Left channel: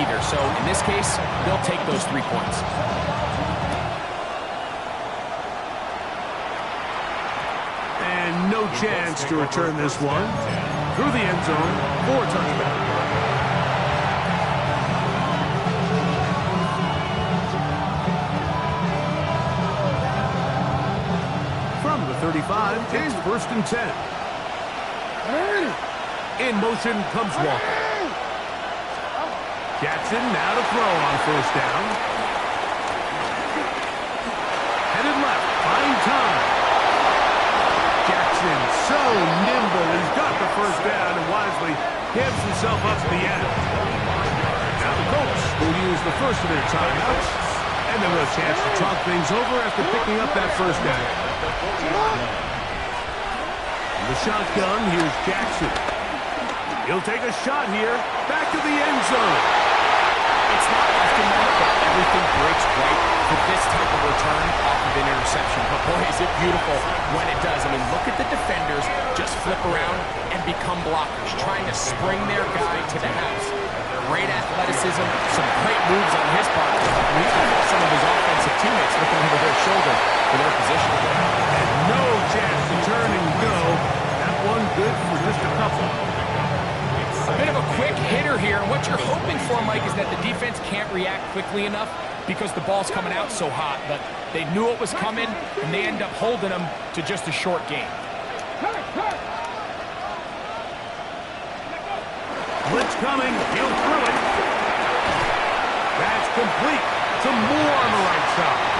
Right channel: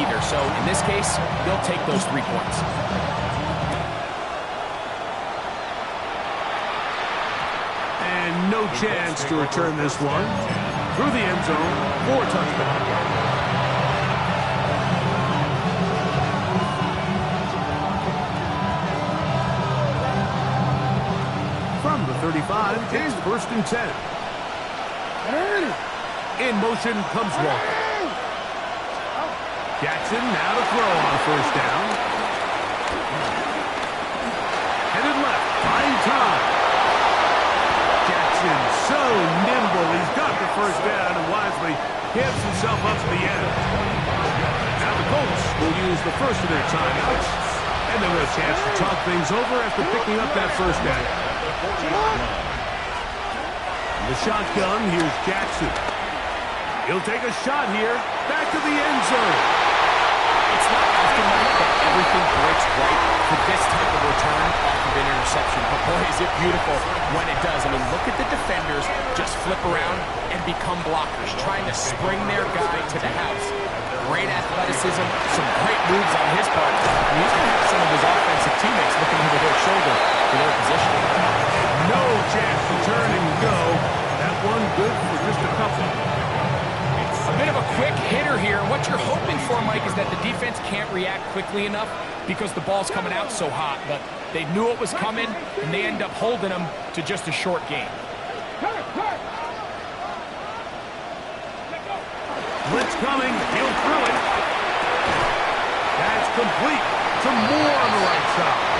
either. So in this case, they'll take those 3 points. And no chance to return this one. Through the end zone for a touchback. From the 35, it's 1st and 10. In motion comes Walker. Jackson now to throw on 1st down. Headed left, buying time. Jackson so nimble. He's got the 1st down and wisely gives himself up to the end. Now the Colts will use the first of their timeouts, and they'll have a chance to talk things over after picking up that 1st down. The shotgun, here's Jackson. He'll take a shot here, back to the end zone. It's not often, Mike, that everything breaks right for this type of return off of an interception. But, boy, is it beautiful when it does. I mean, look at the defenders just flip around and become blockers, trying to spring their guy to the house. Great athleticism, some great moves on his part. And he's going to have some of his offensive teammates looking over their shoulder for their position. And no chance to turn and go. That one good for just a couple. A bit of a quick hitter here, and what you're hoping for, Mike, is that the defense can't react quickly enough because the ball's coming out so hot. But they knew it was coming, and they end up holding them to just a short game. Blitz coming, he'll throw it. That's complete. Some more on the right side.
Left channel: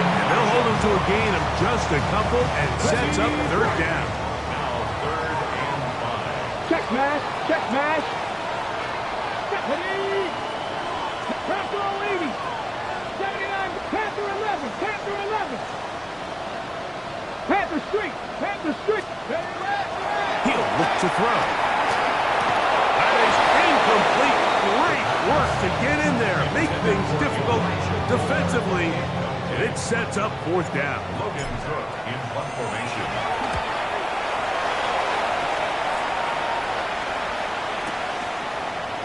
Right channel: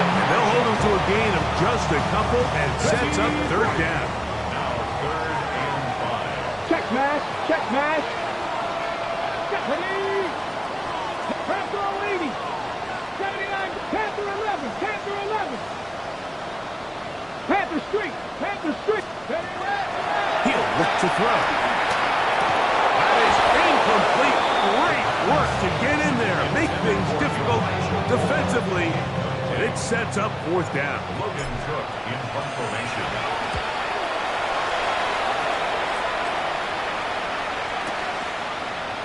And they'll hold him to a gain of just a couple and sets up 3rd down. Check mash, check mash. Ready. Panther 80. 79, Panther 11, Panther 11. Panther Street, Panther Street. He'll look to throw. That is incomplete. Great work to get in there, make things difficult defensively, and it sets up 4th down. Logan Cook in punt formation.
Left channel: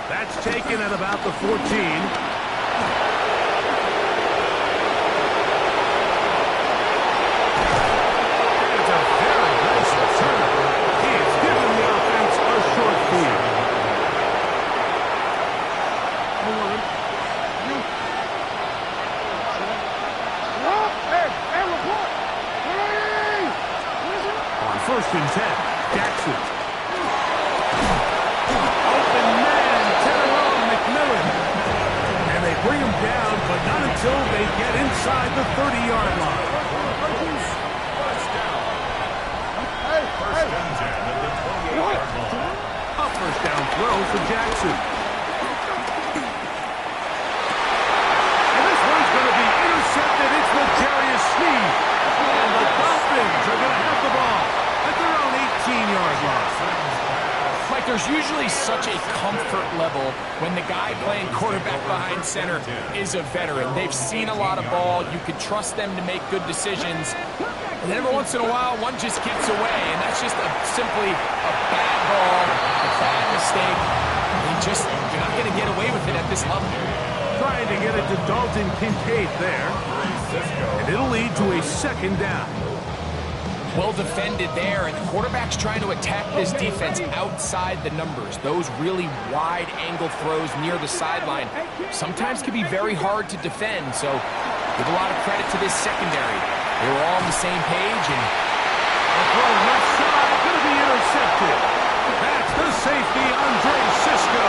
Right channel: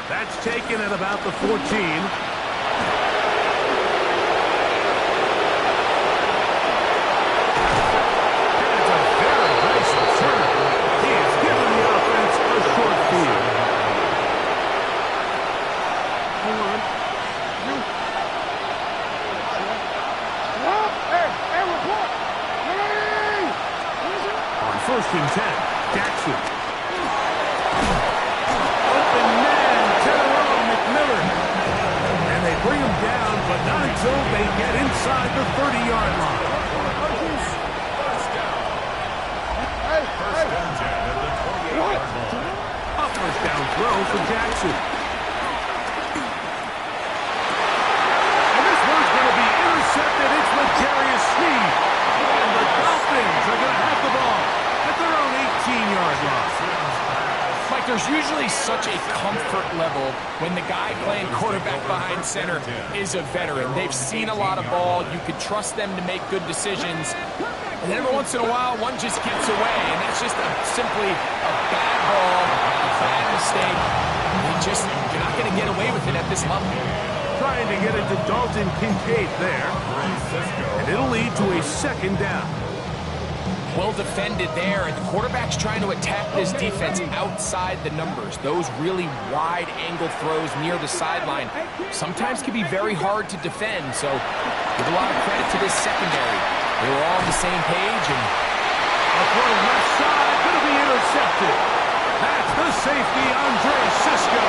That's taken at about the 14. And it's a very nice return. He has given the offense a short field. Hold on. Hey, report. On 1st and 10, Jackson. Open man. McMillan. And they bring him down, but not until they get inside the 30-yard line. First and 10 at the 28-yard line. A 1st down throw for Jackson. And this one's going to be intercepted. It's L'Jarius Sneed. And the Dolphins are going to have the ball at their own 18-yard line. Mike, there's usually such a comfort level when the guy playing quarterback behind center is a veteran. They've seen a lot of ball. You can trust them to make good decisions. And then every once in a while, one just gets away, and that's just simply a bad ball, a bad mistake. You're not going to get away with it at this level. Trying to get it to Dalton Kincaid there. And it'll lead to a 2nd down. Well defended there, and the quarterback's trying to attack this defense outside the numbers. Those really wide angle throws near the sideline sometimes can be very hard to defend, so give a lot of credit to this secondary. They were all on the same page, and a throw left side, going to be intercepted. That's the safety, Andre Cisco.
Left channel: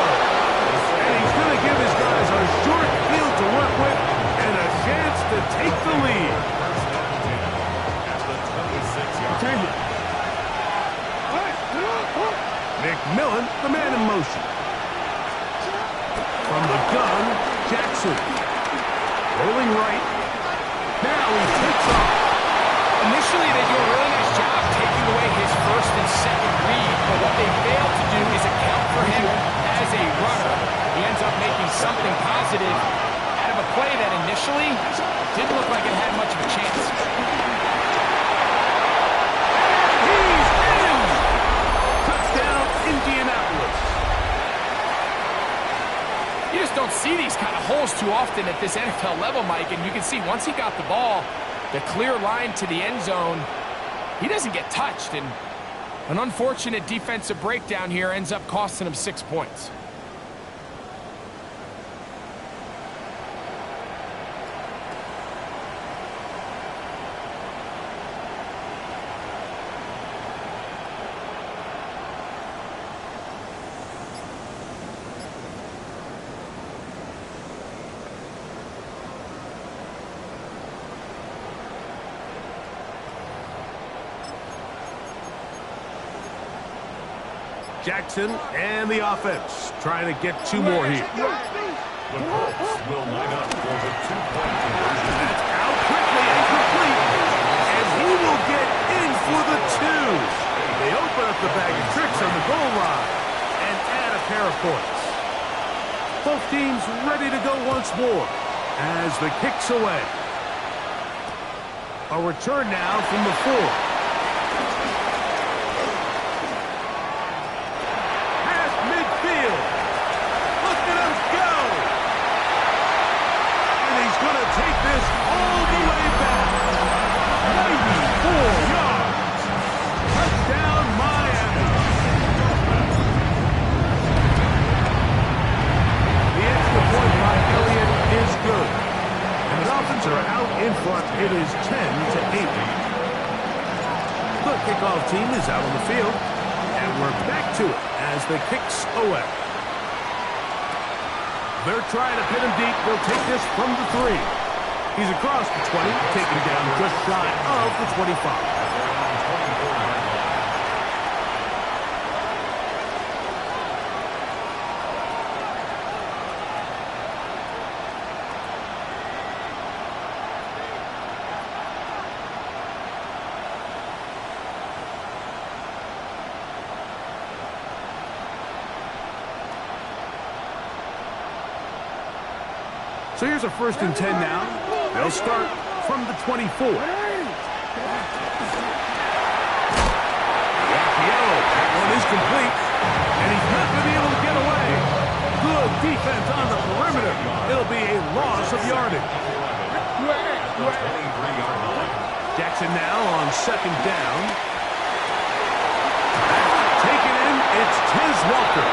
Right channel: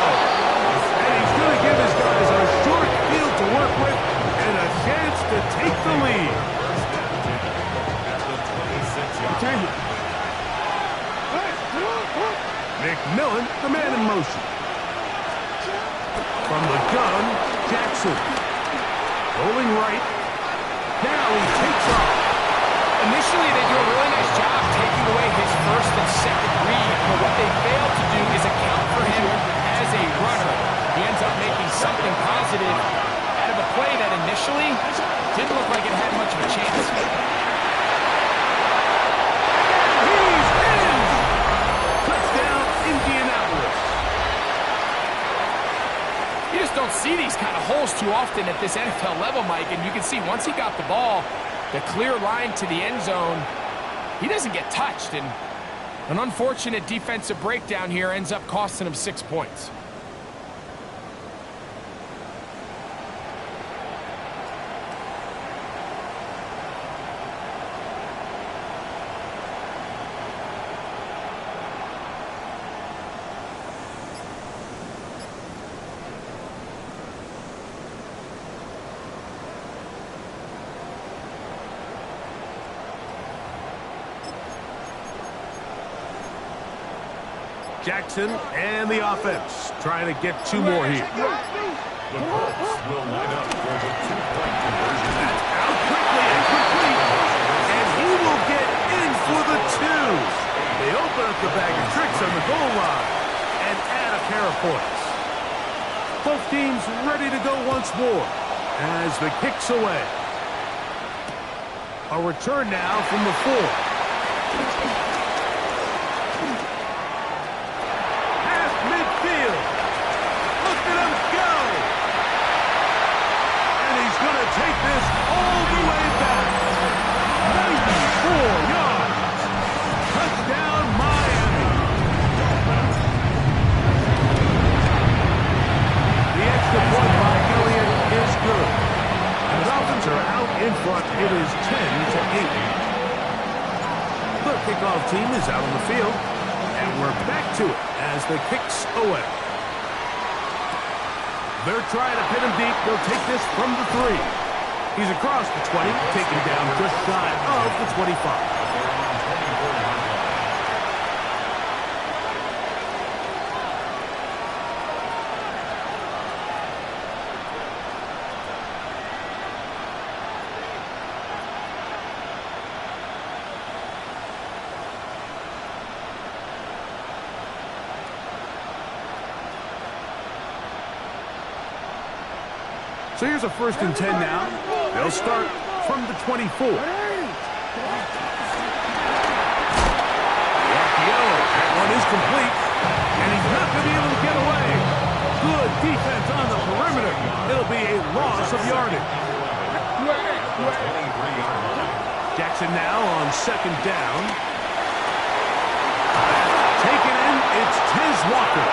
And he's going to give his guys a short field to work with and a chance to take the lead. McMillan, the man in motion. From the gun, Jackson. Rolling right. Now he takes off. Initially, they do a really nice job taking away his 1st and 2nd read, but what they fail to do is account for him as a runner. He ends up making something positive out of a play that initially didn't look like it had much of a chance. You just don't see these kind of holes too often at this NFL level, Mike, and you can see once he got the ball, the clear line to the end zone, he doesn't get touched, and an unfortunate defensive breakdown here ends up costing him 6 points. Jackson and the offense trying to get 2 more here. The Colts will line up for the 2-point conversion. That's out quickly and complete. And he will get in for the 2. They open up the bag of tricks on the goal line and add a pair of points. Both teams ready to go once more as the kick's away. A return now from the 4. Look at him go! And he's going to take this all the way back. 94 yards. Touchdown, Miami. The extra point by Elliott is good. And the Dolphins are out in front. It is 10-8. The kickoff team is out on the field. And we're back to it as the kick's away. They're trying to pin him deep. They'll take this from the 3. He's across the 20, taken down just shy of the 25. So here's a 1st and 10 now. They'll start from the 24. The RPO, that one is complete. And he's not going to be able to get away. Good defense on the perimeter. It'll be a loss of yardage. Jackson now on 2nd down. Taken in, it's Tez Walker.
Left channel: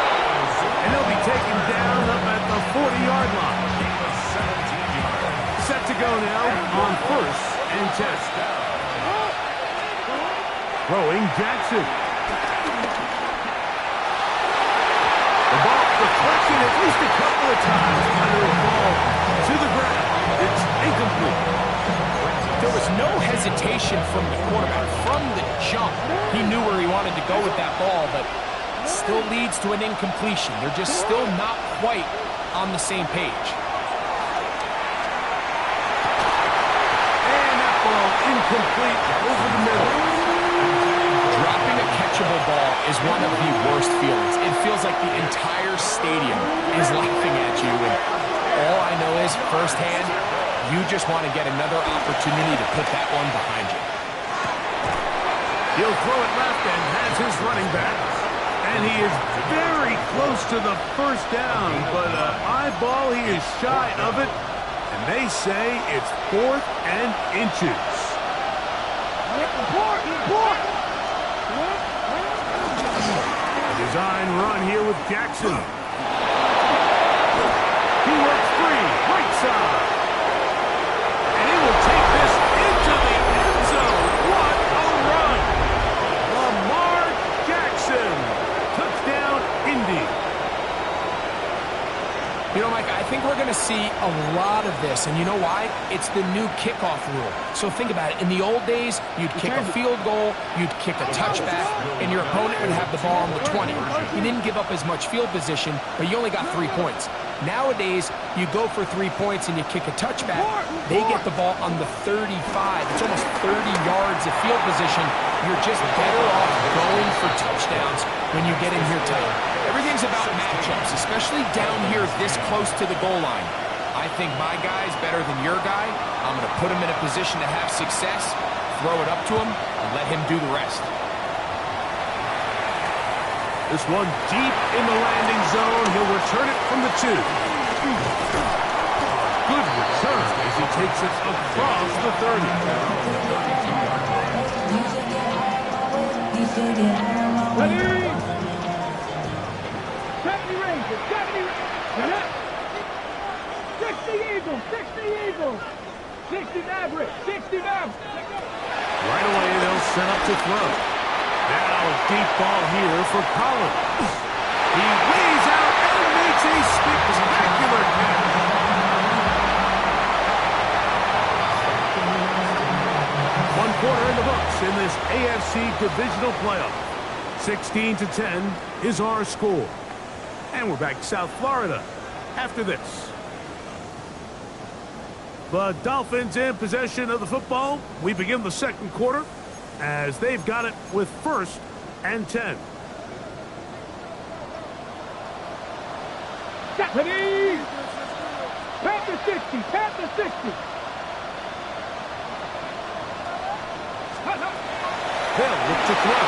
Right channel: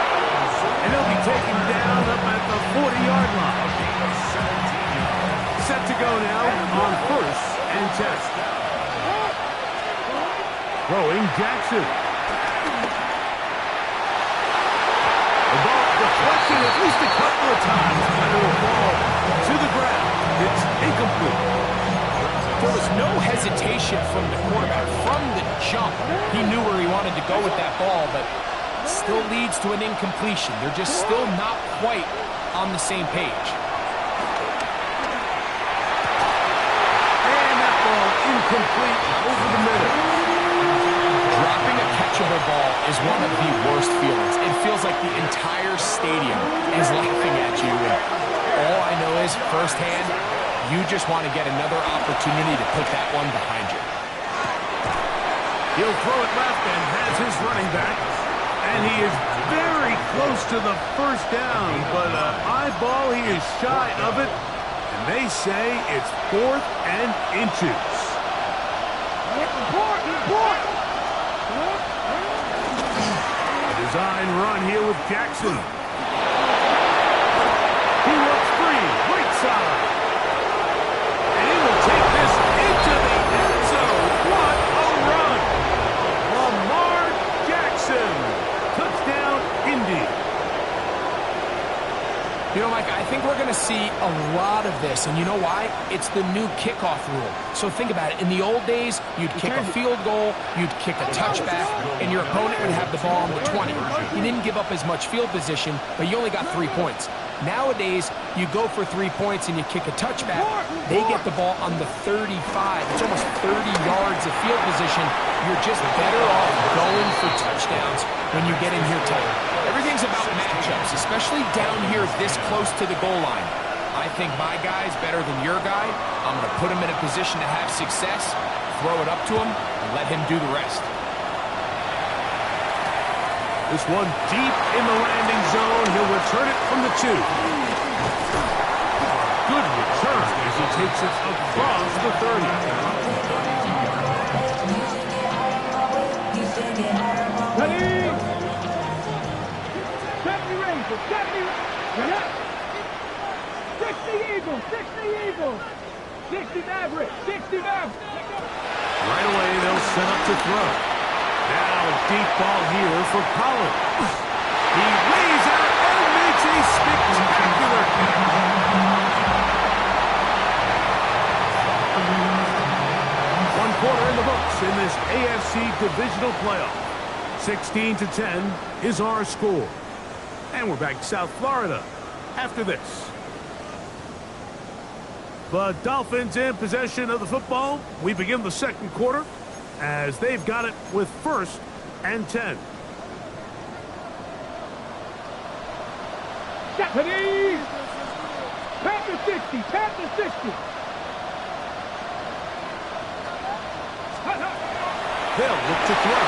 And he'll be taken down up at the 40-yard line. Set to go now on 1st and 10. Throwing Jackson. The ball deflected at least a couple of times, but it'll fall to the ground. It's incomplete. There was no hesitation from the quarterback. From the jump, he knew where he wanted to go with that ball, but still leads to an incompletion. They're just still not quite on the same page. And that ball incomplete over the middle. Dropping a catchable ball is one of the worst feelings. It feels like the entire stadium is laughing at you. And all I know is, firsthand, you just want to get another opportunity to put that one behind you. He'll throw it left and has his running back. And he is very close to the 1st down, but eyeball, he is shy of it. And they say it's 4th and inches. A design run here with Jackson. He works free, right side. And he will take this into the end zone. What a run! Lamar Jackson. Touchdown, Indy. You know, Mike, I think we're going to see a lot of this, and you know why? It's the new kickoff rule. So think about it. In the old days, you'd kick a field goal, you'd kick a touchback, and your opponent would have the ball on the 20. You didn't give up as much field position, but you only got 3 points. Nowadays, you go for 3 points and you kick a touchback, they get the ball on the 35. It's almost 30 yards of field position. You're just better off going for touchdowns when you get in here tight. Everything's about matchups, especially down here this close to the goal line. I think my guy's better than your guy. I'm going to put him in a position to have success, throw it up to him, and let him do the rest. This one deep in the landing zone. He'll return it from the 2. Good return as he takes it across the 30. Ready? 70 Rangers, 70 Rangers. 60 Eagles, 60 Eagles. 60 Mavericks, 60 Mavericks. Right away, they'll set up to throw. Now a deep ball here for Collins. He lays out and makes a spectacular catch. 1 quarter in the books in this AFC divisional playoff. 16-10 is our score. And we're back to South Florida after this. The Dolphins in possession of the football. We begin the second quarter as they've got it with 1st and 10. Ready? Panther 60, Panther 60. They'll look to throw.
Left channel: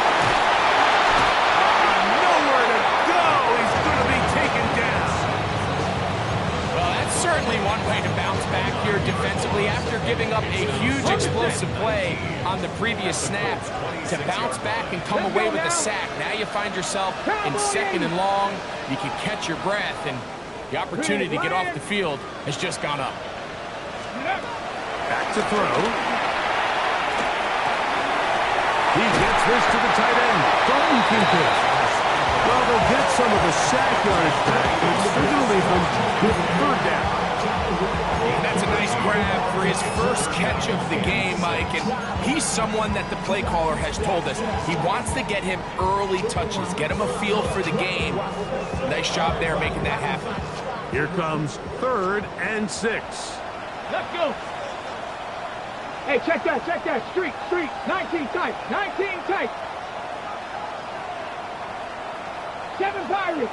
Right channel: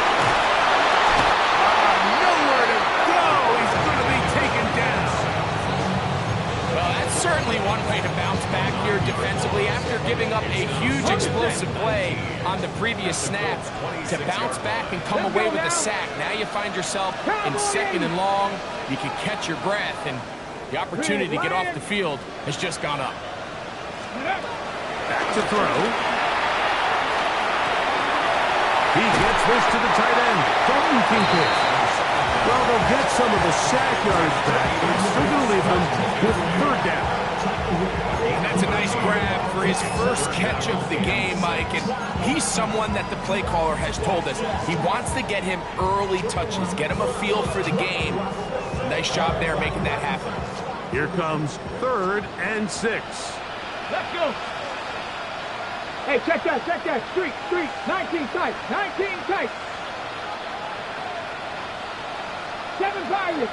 Nowhere to go. He's going to be taken down. Well, that's certainly one way to bounce back here defensively after giving up a huge explosive play on the previous snap. To bounce back and come away with a sack. Now you find yourself in 2nd and long. You can catch your breath, and the opportunity to get off the field has just gone up. Back to throw. He gets this to the tight end, Dalton Kincaid. Well, they'll get some of the sack yardage back, but it's still going to leave them with 3rd down. And that's a nice grab for his first catch of the game, Mike. And he's someone that the play caller has told us he wants to get him early touches, get him a feel for the game. Nice job there making that happen. Here comes 3rd and 6. Let's go. Hey, check that. Street. 19 tight, 19 tight. 7 Pirates.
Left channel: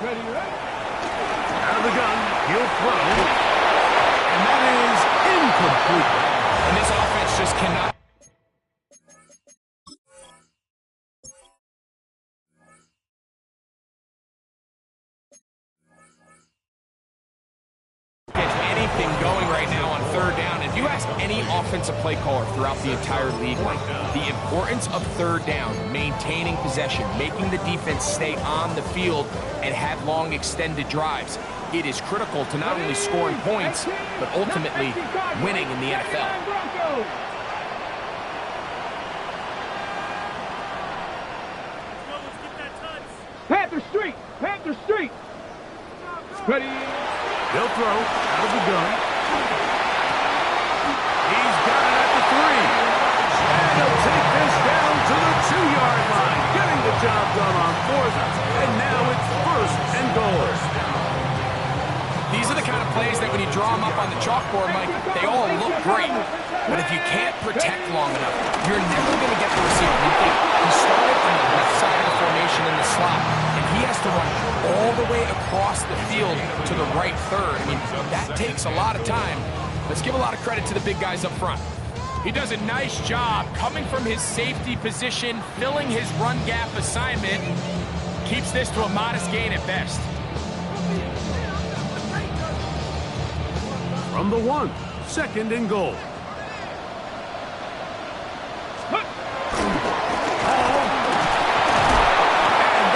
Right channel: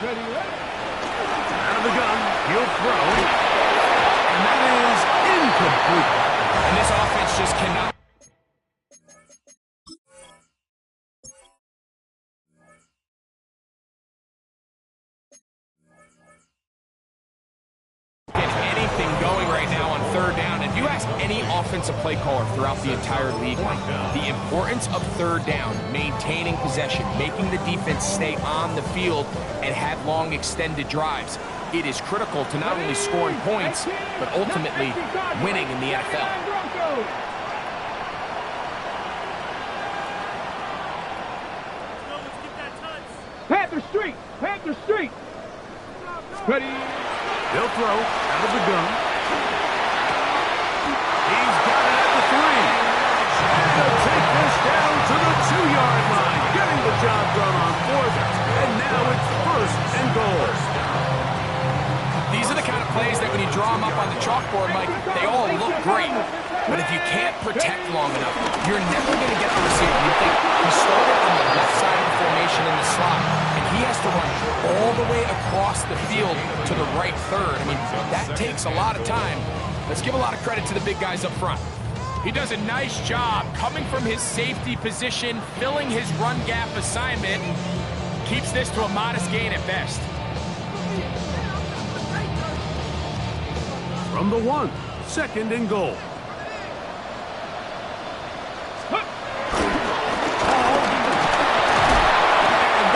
Ready? Out of the gun, he'll throw. And that is incomplete. And this offense just cannot get anything going right now on 3rd down. If you ask any offensive play caller throughout the entire league, like the importance of 3rd down, maintaining possession, making the defense stay on the field and have long extended drives, it is critical to not only scoring points, but ultimately winning in the NFL. Panther Street. Ready? They'll throw out of the gun. He's got it at the 3. And he'll take this down to the 2-yard line, getting the job done on 4th. And now it's 1st and goal. These are the kind of plays that when you draw them up on the chalkboard, Mike, they all look great. But if you can't protect long enough, you're never going to get the receiver. You think he started on the left side of the formation in the slot, and he has to run all the way across the field to the right 3rd. I mean, that takes a lot of time. Let's give a lot of credit to the big guys up front. He does a nice job coming from his safety position, filling his run gap assignment, keeps this to a modest gain at best. From the 1, 2nd and goal. And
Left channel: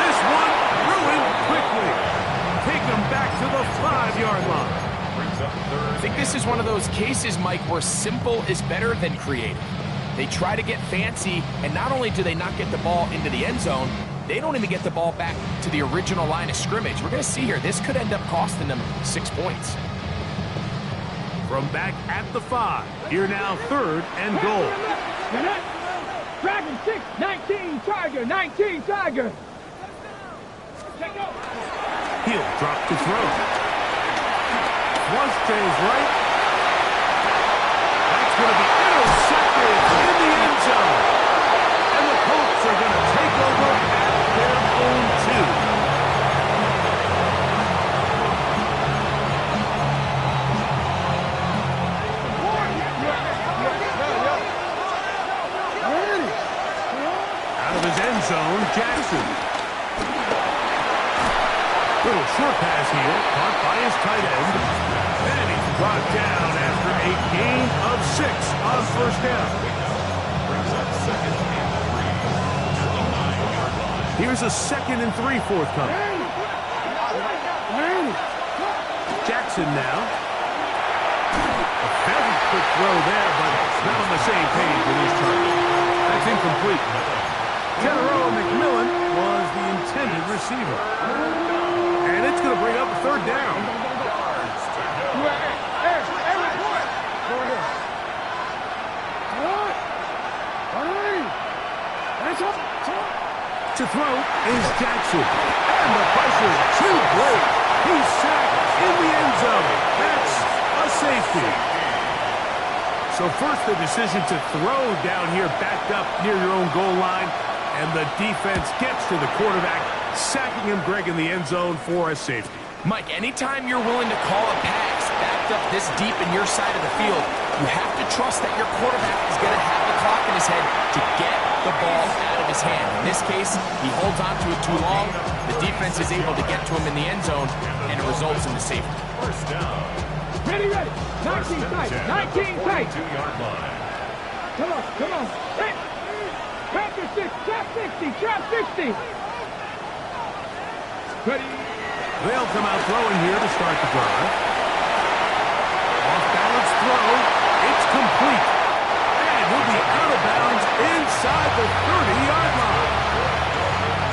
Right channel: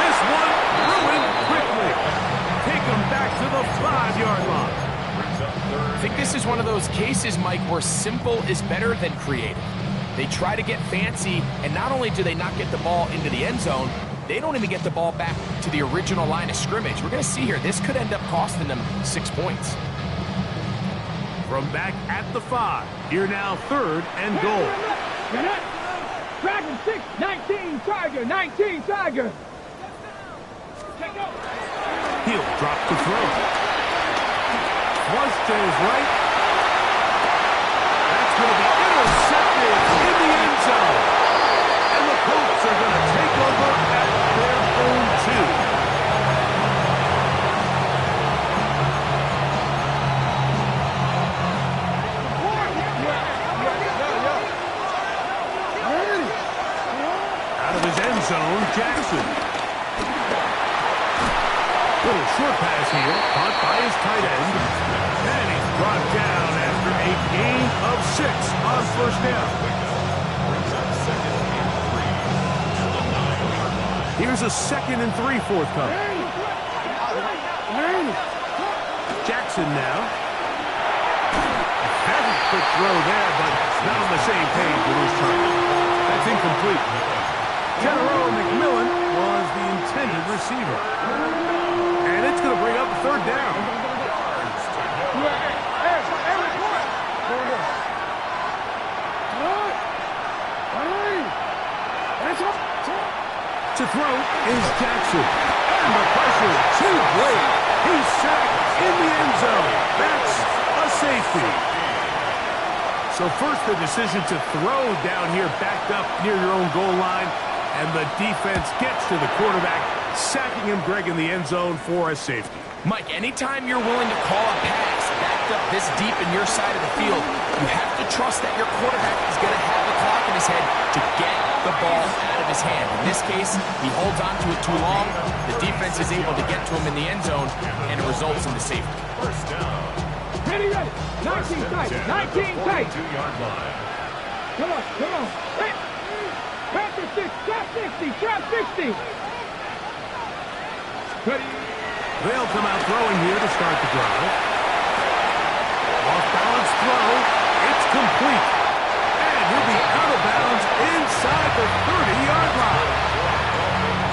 this one ruined quickly. Take him back to the 5-yard line. I think this is one of those cases, Mike, where simple is better than creative. They try to get fancy, and not only do they not get the ball into the end zone, they don't even get the ball back to the original line of scrimmage. We're going to see here, this could end up costing them 6 points. From back at the 5, here now 3rd and goal. Dragon 6, 19 Tiger. He'll drop to throw. Flush to his right. That's going to be intercepted in the end zone. And the Colts are going to take over at their own 2. Out of his end zone, Jackson. Little short pass here, caught by his tight end. And he's brought down after a gain of 6 on first down. Brings up 2nd and 3 at the 9-yard line. Here's a 2nd and 3 forthcoming. Jackson now. A very quick throw there, but not on the same page with his target. That's incomplete. General McMillan was the intended receiver. And it's going to bring up a 3rd down. To throw is Jackson. And the pressure too great. He's sacked in the end zone. That's a safety. So first the decision to throw down here backed up near your own goal line. And the defense gets to the quarterback, sacking him, Greg, in the end zone for a safety. Mike, anytime you're willing to call a pass backed up this deep in your side of the field, you have to trust that your quarterback is going to have the clock in his head to get the ball out of his hand. In this case, he holds on to it too long. The defense is able to get to him in the end zone, and it results in the safety. First down. Ready. 19 tight. 19 tight. 2-yard line. Come on. Hey. Panther 6. Trap 60. Ready. They'll come out throwing here to start the drive. Off-balance throw. It's complete. And he'll be out of bounds inside the 30-yard line.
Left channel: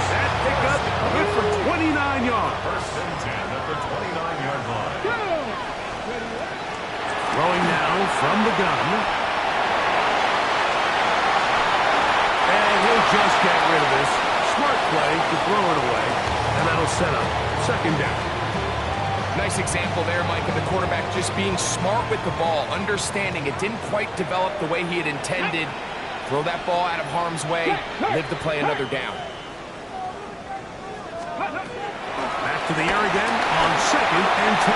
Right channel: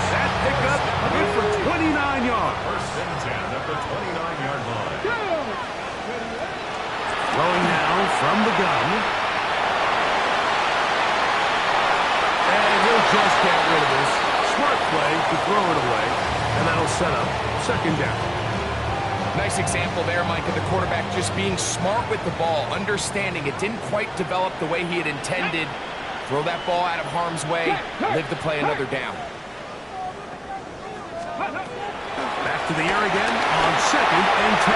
That pickup good for 29 yards. 1st and 10 at the 29-yard line. Throwing now from the gun. And he'll just get rid of this. Smart play to throw it away. And that'll set up 2nd down. Nice example there, Mike, of the quarterback just being smart with the ball, understanding it didn't quite develop the way he had intended. Throw that ball out of harm's way, live to play another down. Back to the air again on 2nd and 10.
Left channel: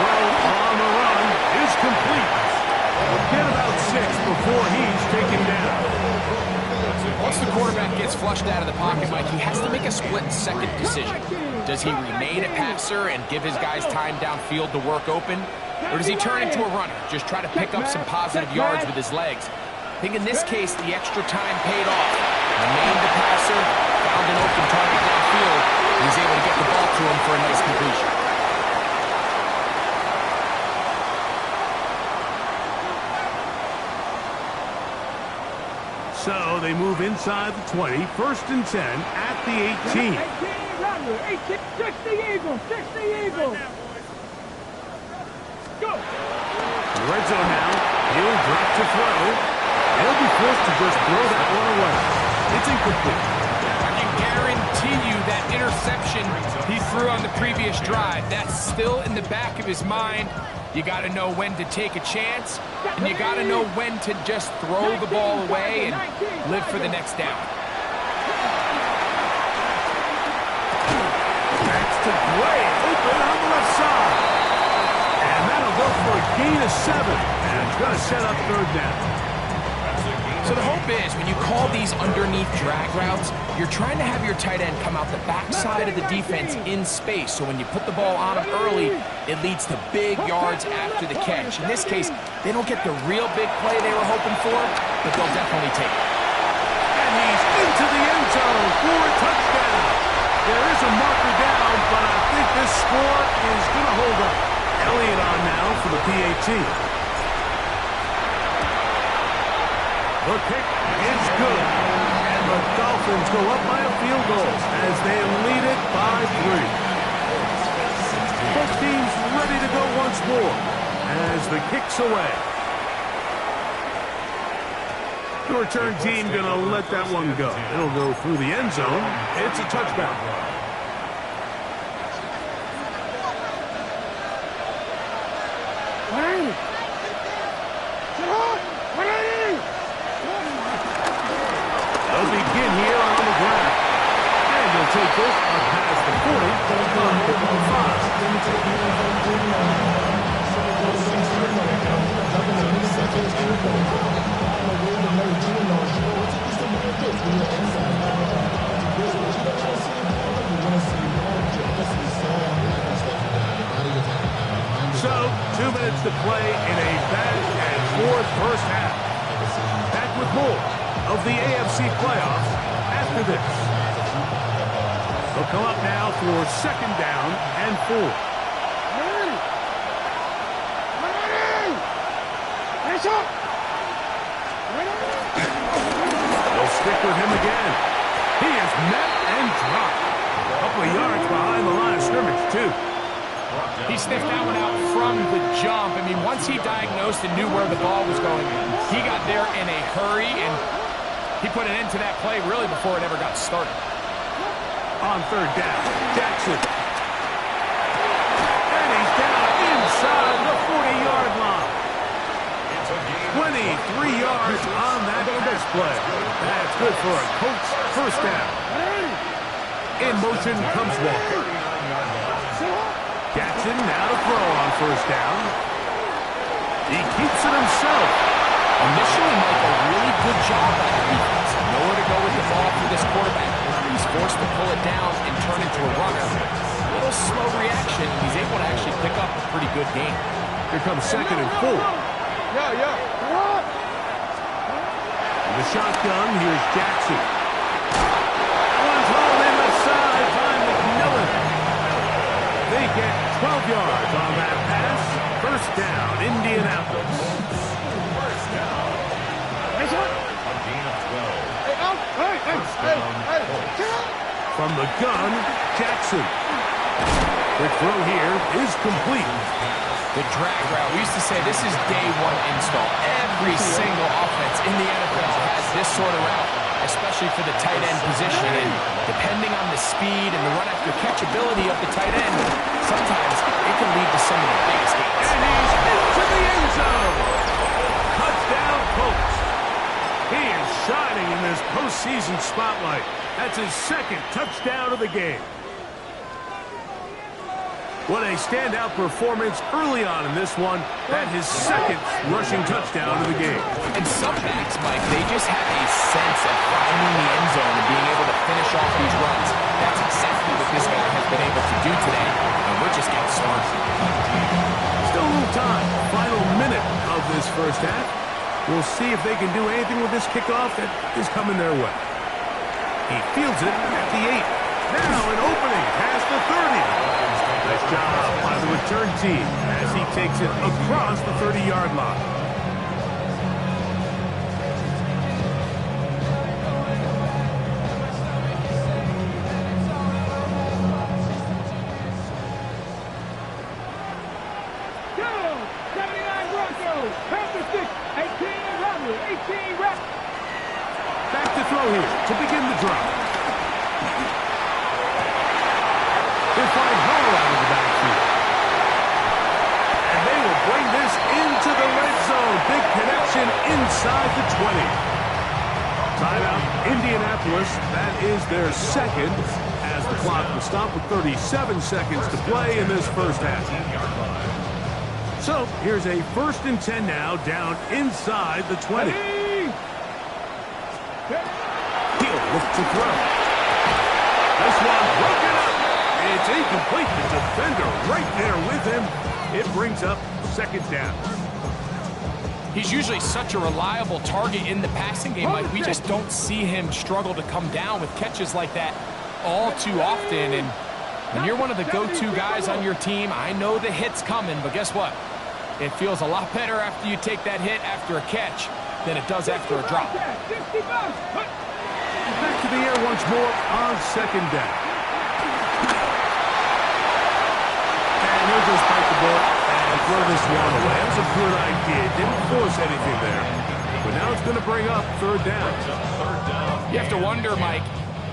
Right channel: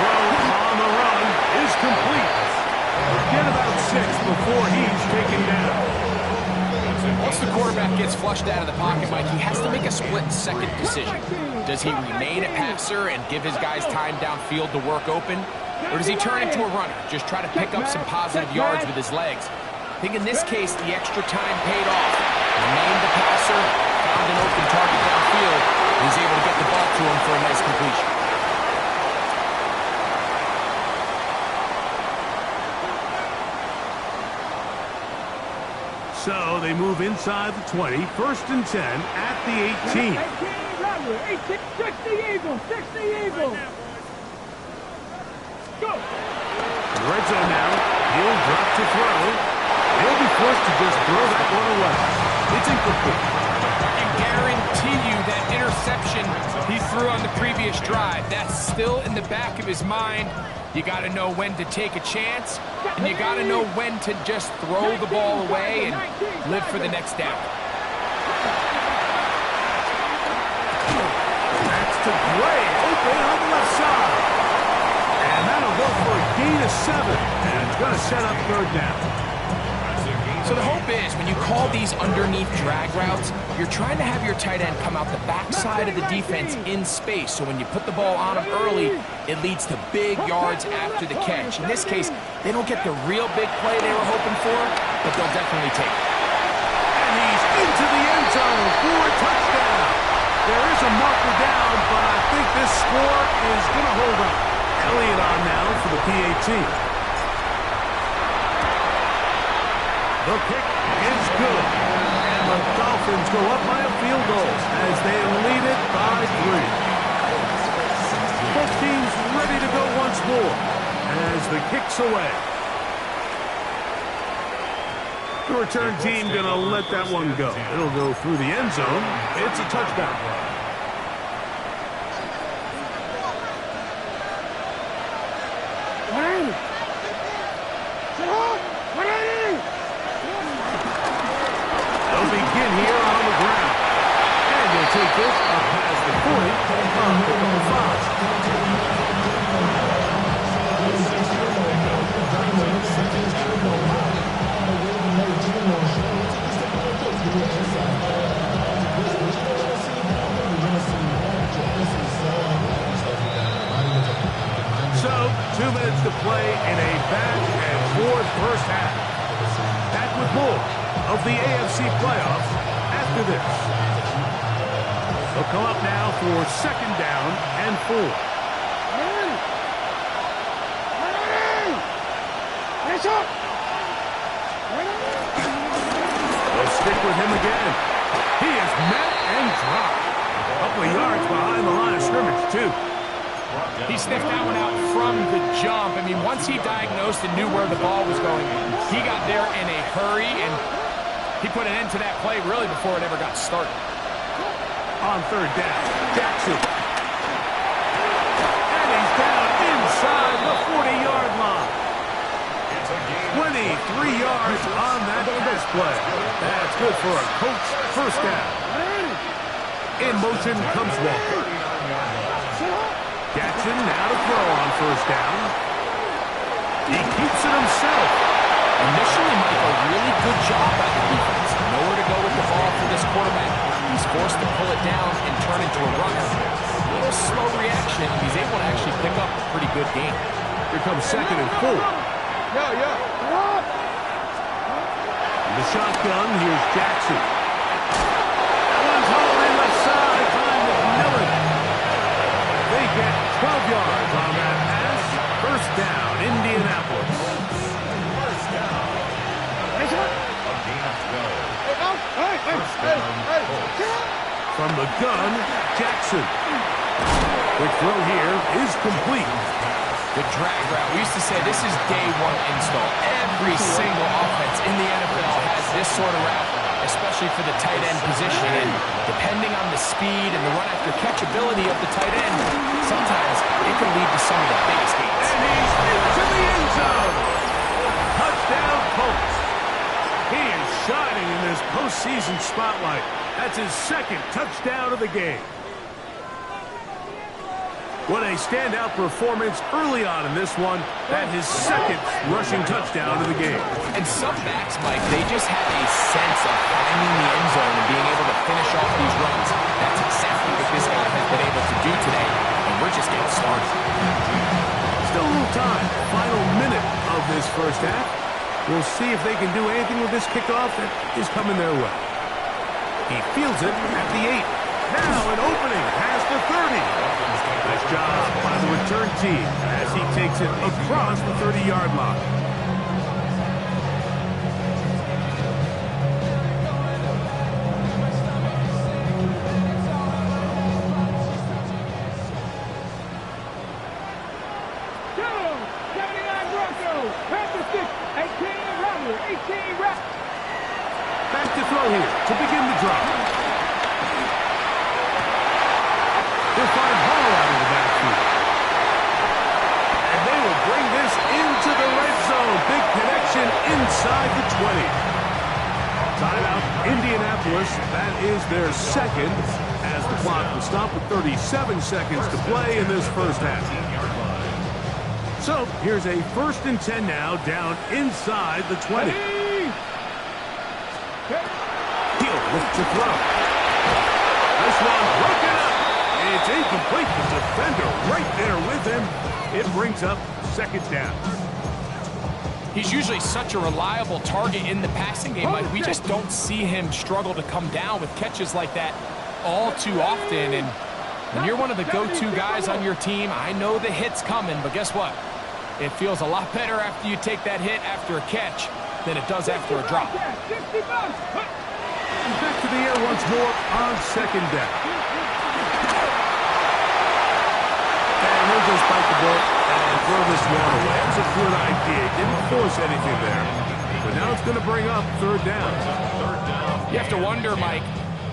Throw on the run is complete. We'll get about 6 before he's taken down. Once the quarterback gets flushed out of the pocket, Mike, he has to make a split-second decision. Does he remain a passer and give his guys time downfield to work open? Or does he turn into a runner, just try to pick up some positive yards with his legs? I think in this case, the extra time paid off. Remained a passer, found an open target downfield, and he's able to get the ball to him for a nice completion. So they move inside the 20, 1st and 10 at the 18. 60 Eagles. Go. In the red zone now, he'll drop to throw. He'll be forced to just throw that one away. It's incomplete. I can guarantee you that interception he threw on the previous drive, that's still in the back of his mind. You got to know when to take a chance, and you got to know when to just throw the ball away and live for the next down. That's to Gray, open on the left side. And that'll go for a gain of 7, and it's going to set up 3rd down. So the hope is when you call these underneath drag routes, you're trying to have your tight end come out the backside of the defense in space. So when you put the ball on him early, it leads to big yards after the catch. In this case, they don't get the real big play they were hoping for, but they'll definitely take it. And he's into the end zone for a touchdown. There is a marker down, but I think this score is going to hold up. Elliott on now for the PAT. The kick is good, and the Dolphins go up by a field goal as they lead it by 3. Both teams ready to go once more as the kick's away. The return team going to let that one go. It'll go through the end zone. It's a touchback. They'll begin here on the ground. And he'll take this up past the 40 on pickup of 5. So, 2 minutes to play in a back-and-forth first half. Back with more of the AFC playoffs after this. They'll come up now for 2nd down and 4. They'll stick with him again. He is met and dropped. A couple of yards behind the line of scrimmage, too. He sniffed that one out from the jump. I mean, once he diagnosed and knew where the ball was going, he got there in a hurry, and he put an end to that play really before it ever got started. On 3rd down, Jackson. And he's down inside the 40-yard line. 23 yards on that pass play. That's good for a Colts first down. In motion comes Walker. Jackson now to throw on 1st down. He keeps it himself. Initially, Mike, a really good job by the defense. Nowhere to go with the ball for this quarterback. He's forced to pull it down and turn into a runner. A little slow reaction, and he's able to actually pick up a pretty good game. Here comes 2nd and 4. In the shotgun, here's Jackson. That one's hauled in left side by McMillan. They get 12 yards on that pass. First down, Indianapolis. First down. A gain of 12. First down, Colts. From the gun, Jackson. Quick throw here is complete. The drag route. We used to say this is day one install. Every single offense in the NFL has this sort of route, especially for the tight end position. And depending on the speed and the run-after-catch ability of the tight end, sometimes it can lead to some of the biggest gains. And he's into the end zone. Touchdown, Colts. He is shining in this postseason spotlight. That's his 2nd touchdown of the game. What a standout performance early on in this one. That his 2nd rushing touchdown of the game. And some backs, Mike, they just have a sense of finding the end zone and being able to finish off these runs. That's exactly what this guy has been able to do today, and we're just getting started. Still a little time. Final minute of this first half. We'll see if they can do anything with this kickoff that is coming their way. He fields it at the 8. Now an opening past the 30. Nice job by the return team as he takes it across the 30-yard line. Go! 79 Broncos. Panther 6. 18 Rattler. 18 Rattler. Back to throw here to begin the drive. He'll find Hall out of the backfield. And they will bring this into the red zone. Big connection inside the 20. Timeout, Indianapolis. That is their 2nd as the clock will stop with 37 seconds to play in this first half. So here's a 1st and 10 now down inside the 20. He'll look to throw. This one broken up. It's incomplete. The defender right there with him. It brings up 2nd down. He's usually such a reliable target in the passing game. Like, we just don't see him struggle to come down with catches like that all too often. And when you're one of the go-to guys on your team, I know the hit's coming, but guess what? It feels a lot better after you take that hit after a catch than it does after a drop. Back to the air once more on 2nd down. And he'll just bite the bullet and throw this one away. That was a good idea. Didn't force anything there. But now it's going to bring up 3rd down. You have to wonder, Mike,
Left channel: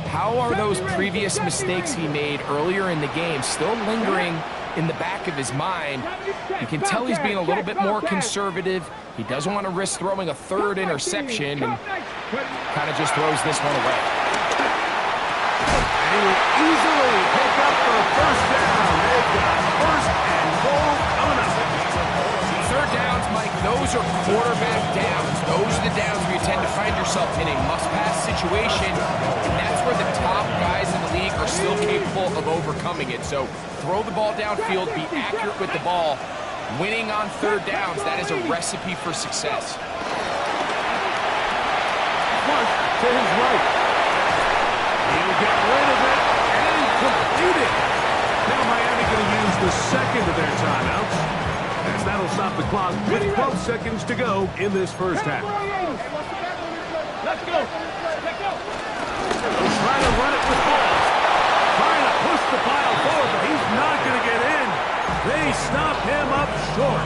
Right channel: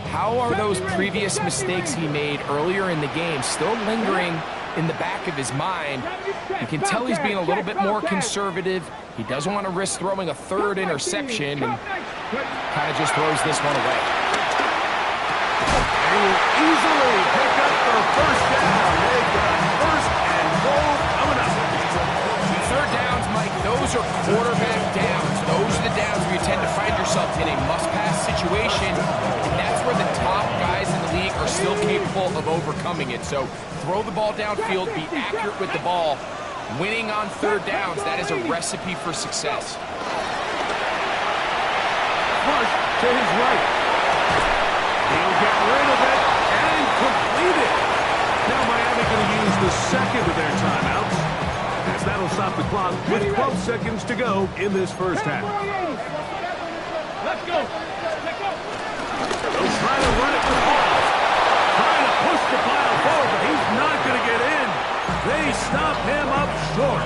how are those previous mistakes he made earlier in the game still lingering in the back of his mind? You can tell he's being a little bit more conservative. He doesn't want to risk throwing a 3rd interception and kind of just throws this one away. And he will easily pick up the 1st down. They've got 1st and goal coming up. 3rd downs, Mike, those are quarterback downs. Those are the downs where you tend to find yourself in a must-pass situation, and that's where the top guys in the league are still capable of overcoming it. So throw the ball downfield, be accurate with the ball. Winning on third downs, that is a recipe for success. Flush to his right. He'll get rid of it and complete it. Now Miami going to use the second of their timeouts, as that'll stop the clock with 12 seconds to go in this first half. Let's go. Let's go. They'll try to run it with Hall. Trying to push the pile forward, but he's not going to get in. They stop him up short.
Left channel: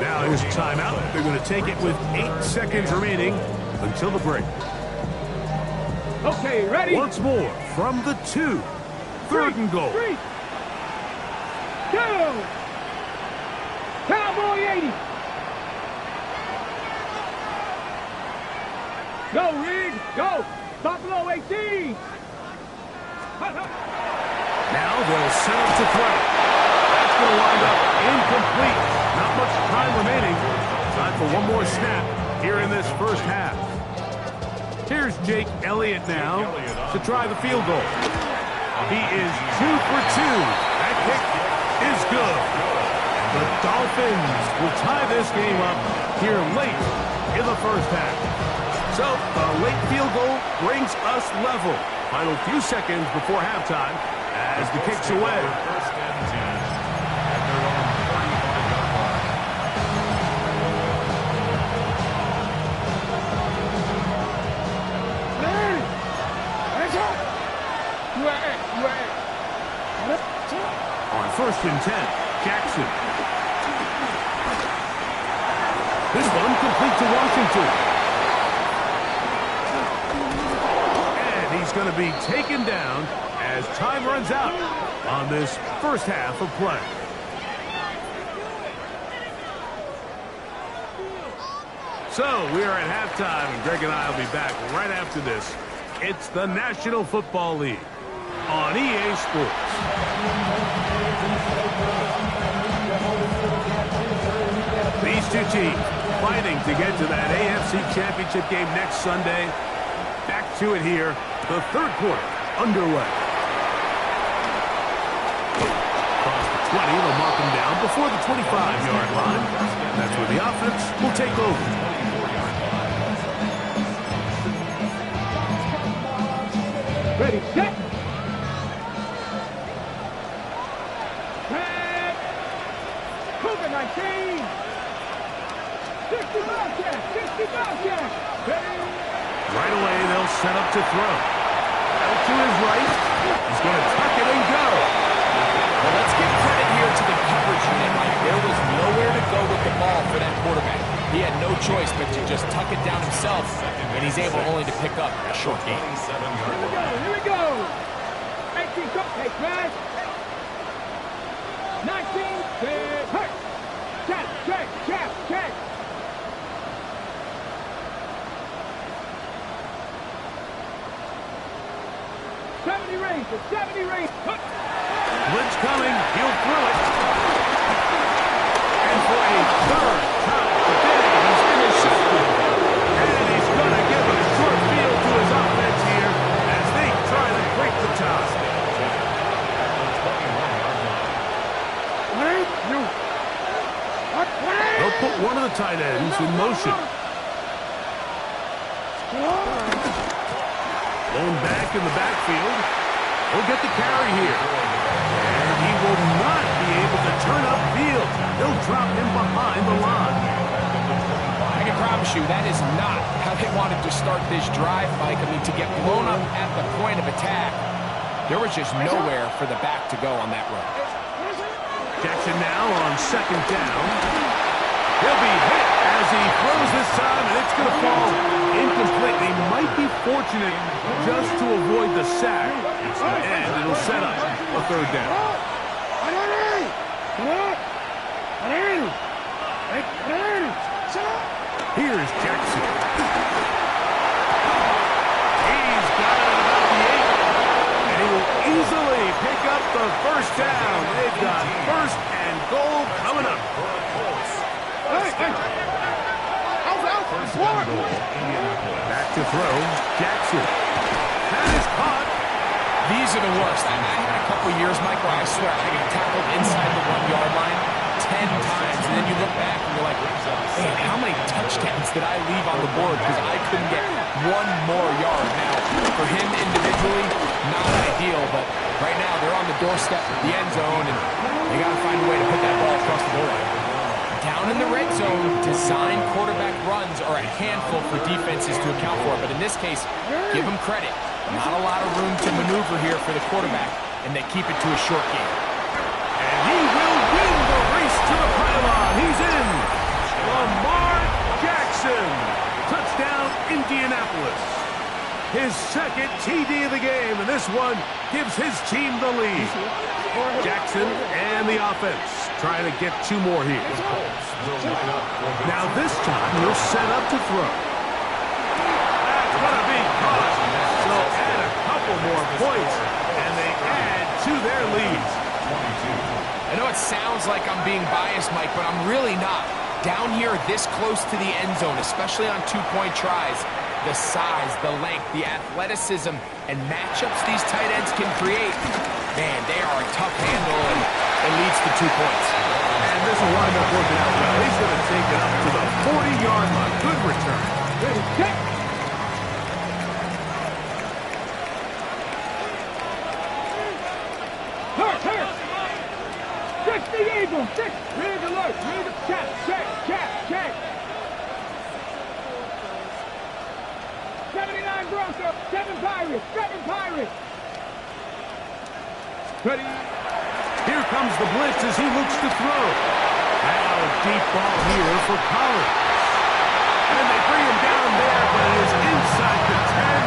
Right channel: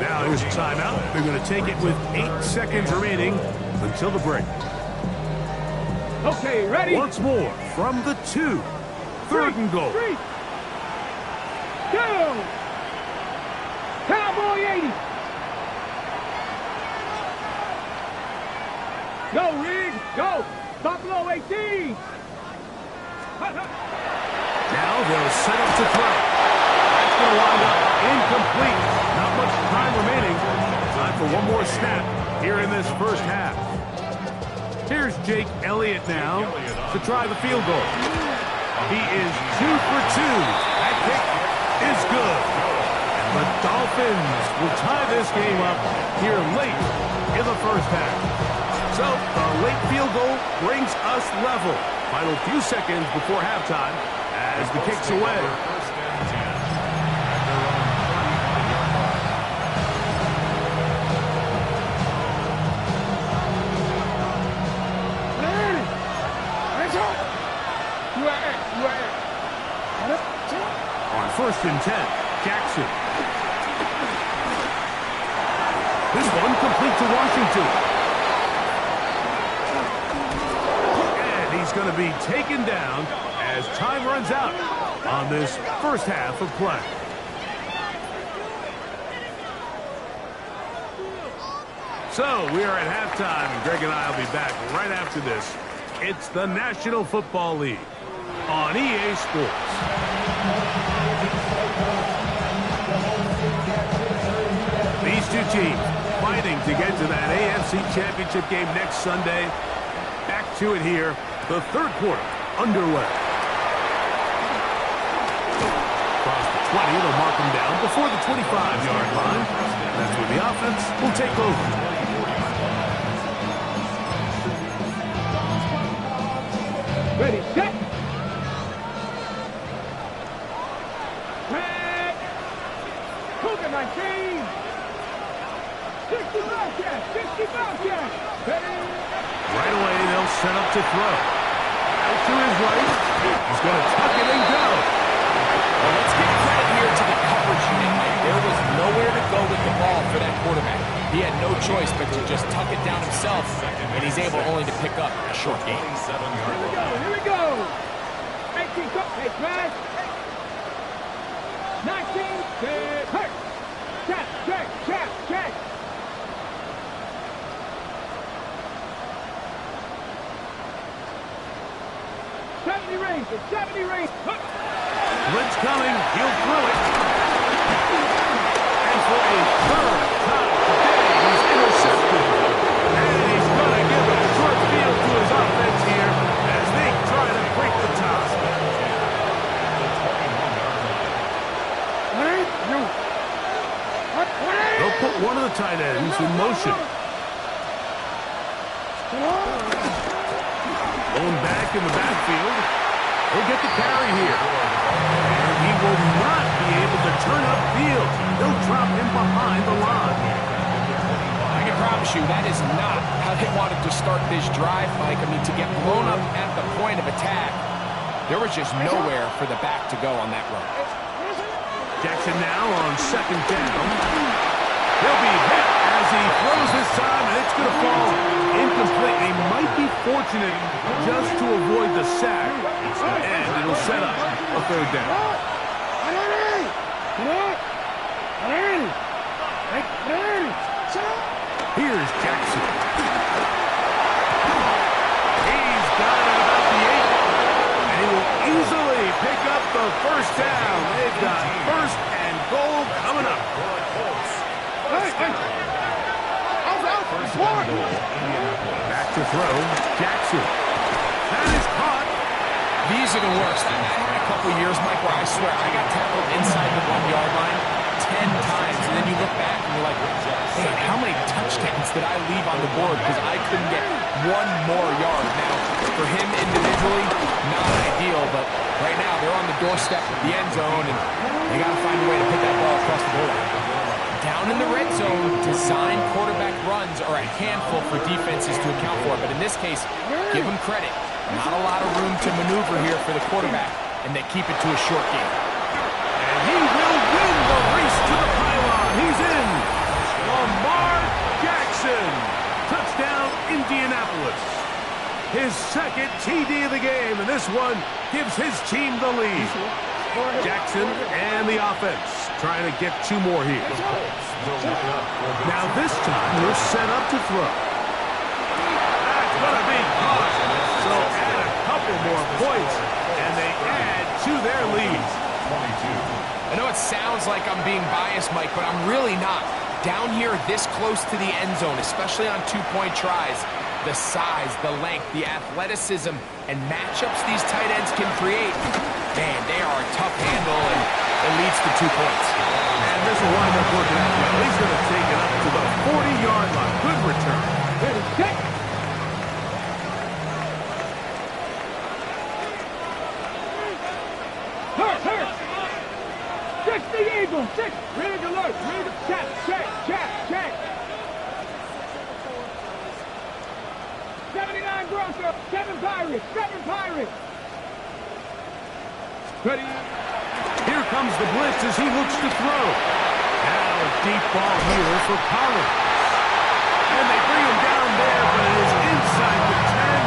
Now here's a timeout. They're going to take it with 8 seconds remaining until the break. Okay, ready? Once more from the 2. Third and goal. 3, 2. Cowboy 80. Go, Reed. Go. Buffalo 18. Now they'll set up to throw. That's going to wind up incomplete. Not much time remaining. Time for one more snap here in this first half. Here's Jake Elliott now to try the field goal. He is 2 for 2. That kick is good. And the Dolphins will tie this game up here late in the first half. So the late field goal brings us level. Final few seconds before halftime as the kick's away. First and 10 at their own 35-yard line. On first and 10, Jackson. This one complete to Washington. And he's going to be taken down as time runs out on this first half of play. So we are at halftime, and Greg and I will be back right after this. It's the National Football League on EA Sports. These two teams fighting to get to that AFC Championship game next Sunday. Back to it here, the third quarter underway. Across the 20, they'll mark them down before the 25-yard line. That's where the offense will take over. Ready, set. Tag. Cougar 19. 60 Bobcat. 60 Bobcat. Right away, they'll set up to throw. Out to his right. He's going to tuck it and go. Well, let's give credit here to the coverage unit, Mike. There was nowhere to go with the ball for that quarterback. He had no choice but to just tuck it down himself, and he's able only to pick up a short gain. Here we go. 18, go. Hey, smash. 19, hurt. Check. 70 range, 70 range. Blitz coming, he'll throw it. And for a third time today, he's intercepted. And he's going to give a short field to his offense here as they try to break the tie. They'll put one of the tight ends in motion. Blown back in the backfield. He'll get the carry here. And he will not be able to turn upfield. They'll drop him behind the line. I can promise you that is not how they wanted to start this drive, Mike. I mean, to get blown up at the point of attack, there was just nowhere for the back to go on that run. Jackson now on second down. He'll be hit as he throws this time, and it's going to fall incomplete. He might be fortunate just to avoid the sack, and it'll set up a third down. Here's Jackson. He's got it at about the 8, and he will easily pick up the first down. They've got first and goal coming up. Back to throw, Jackson. That is caught. These are the worst. I had a couple years, Mike, where I swear I got tackled inside the 1-yard line 10 times, and then you look back and you're like, man, how many touchdowns did I leave on the board because I couldn't get one more yard? Now, for him individually, not ideal, but right now they're on the doorstep of the end zone, and they got to find a way to put that ball across the goal line. Down in the red zone, designed quarterback runs are a handful for defenses to account for, but in this case, give them credit. Not a lot of room to maneuver here for the quarterback, and they keep it to a short game. And he will win the race to the pylon. He's in. Lamar Jackson. Touchdown, Indianapolis. His second TD of the game, and this one gives his team the lead. Jackson and the offense trying to get 2 more here. Now this time he'll set up to throw. That's going to be caught. So add a couple more points, and they add to their lead. I know it sounds like I'm being biased, Mike, but I'm really not. Down here this close to the end zone, especially on 2-point tries, the size, the length, the athleticism, and matchups these tight ends can create, man, they are a tough handle, and it leads to 2 points. And this will wind up working out well. He's going to take it up to the 40-yard line. Good return. Ready, set. Hurt. 60 Eagles, 6. Rig alert, rig, check. 79 Broncos, 7 Pirates. Ready. Here comes the blitz as he looks to throw. Now a deep ball here for Collins. And they bring him down there, but it is inside the 10.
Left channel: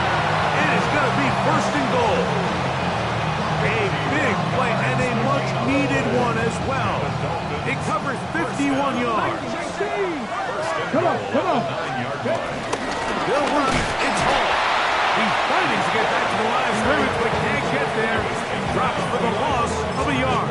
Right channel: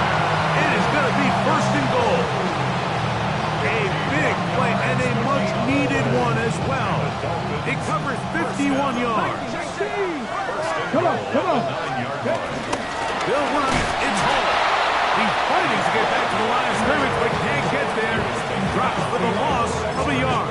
It is going to be 1st and goal. A big play and a much-needed one as well. It covers 51 yards. Come on. Bill runs, it's home. He's fighting to get back to the line of scrimmage, but can't get there. Drops for the loss of a yard.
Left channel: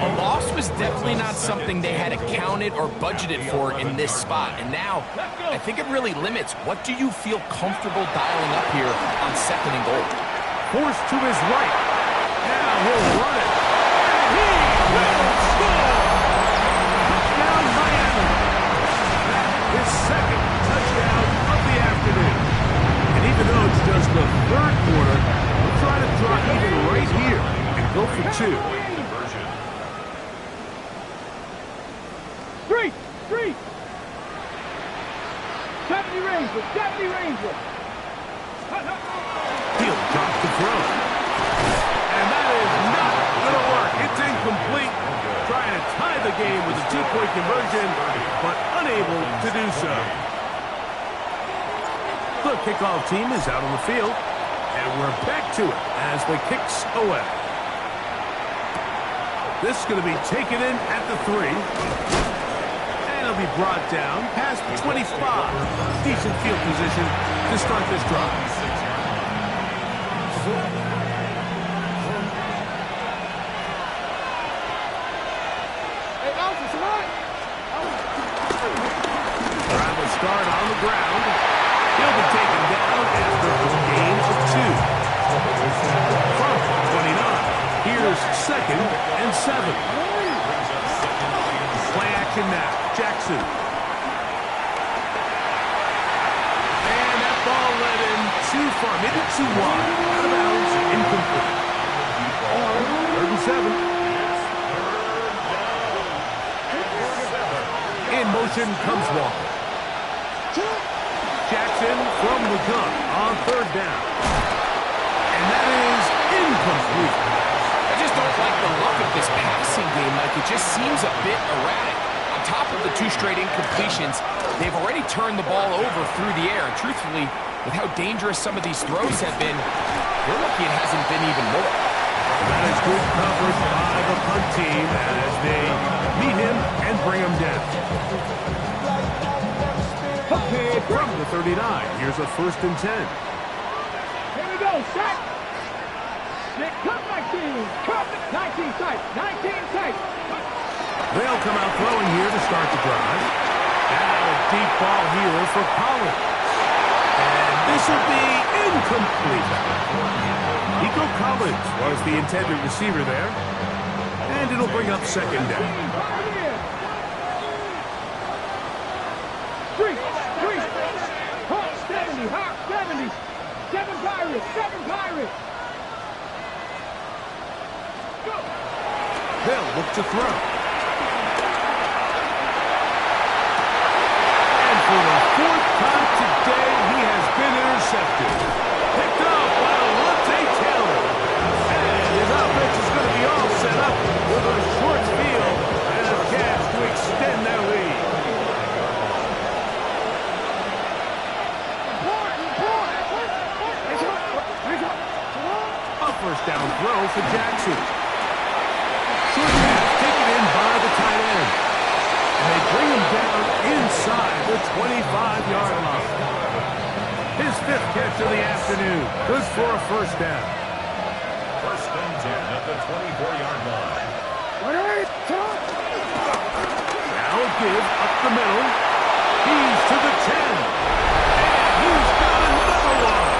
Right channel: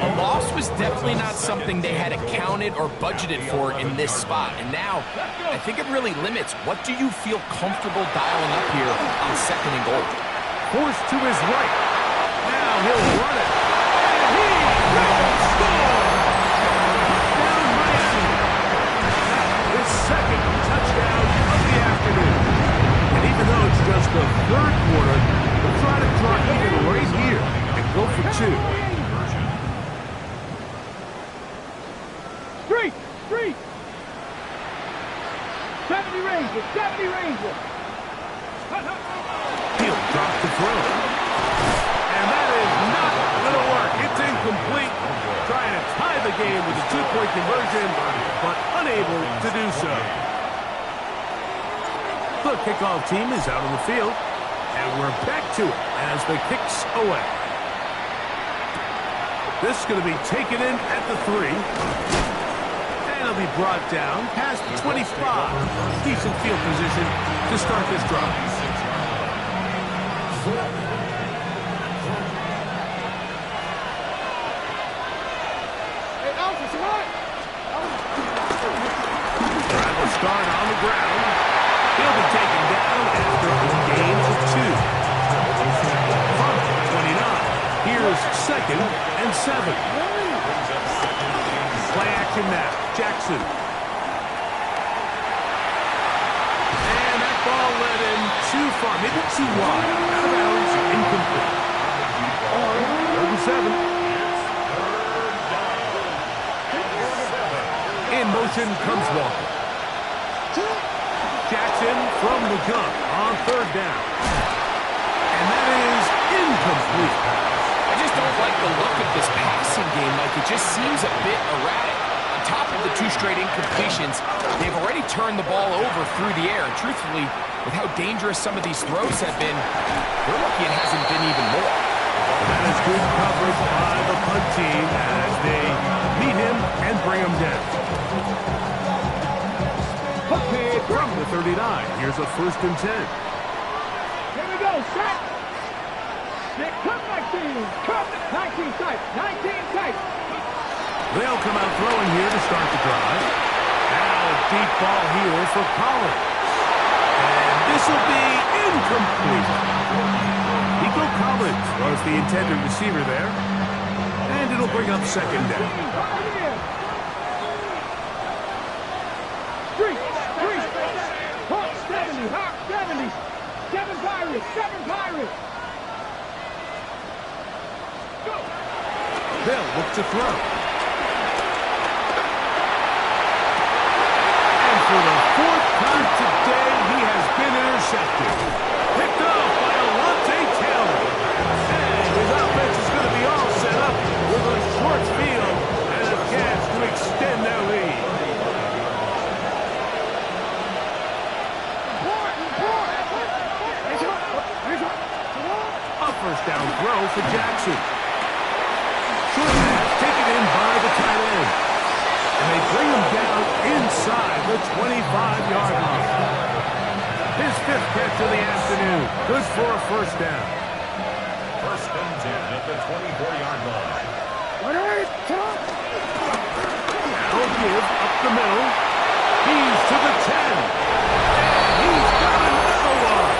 A loss was definitely not something they had accounted or budgeted for in this spot. And now, I think it really limits what do you feel comfortable dialing up here on 2nd and goal. Forced to his right. Now he'll run it. And he will score! Touchdown, Miami. That is 2nd touchdown of the afternoon. And even though it's just the 3rd quarter, we'll try to draw even right here and go for 2. Street. 70 Rangers. He'll drop to throw. And that is not going to work. It's incomplete. Trying to tie the game with a 2-point conversion, but unable to do so. The kickoff team is out on the field, and we're back to it as the kick's away. This is going to be taken in at the 3. And it'll be brought down past the 25. Decent field position to start this drive. Drive will start on the ground. He'll be taken down after a gain of 2. From 29, here's 2nd and 7. Play action now. Jackson. And that ball led him too far. Maybe too wide. Out of bounds. Incomplete. 3rd and 7. In motion comes Walker. Jackson from the gun on 3rd down. And that is incomplete. I just don't like the look of this passing game, Mike. It just seems a bit erratic. On top of the 2 straight incompletions, they've already turned the ball over through the air. And truthfully, with how dangerous some of these throws have been, they're lucky it hasn't been even more. And that is good coverage by the punt team as they meet him and bring him down. Okay, from the 39, here's a 1st and 10. Here we go, set. Come 19 tight. They'll come out throwing here to start the drive. Now a deep ball here for Collins. And this will be incomplete. Nico Collins was the intended receiver there. And it'll bring up second down. Street. Hawk 70. Hawk 70. 7 Pirates. 7 Pirates. Go. They'll look to throw. And for the 4th time today, he has been intercepted. Picked off by Alontae Taylor. And his offense is going to be all set up with a short field and a chance to extend their lead. A first down throw for Jackson. Short pass taken in by the tight end. And they bring him down inside the 25-yard line. His 5th catch of the afternoon. Good for a first down. First and 10 at the 24-yard line. Now a give up the middle. He's to the 10. And he's got another one.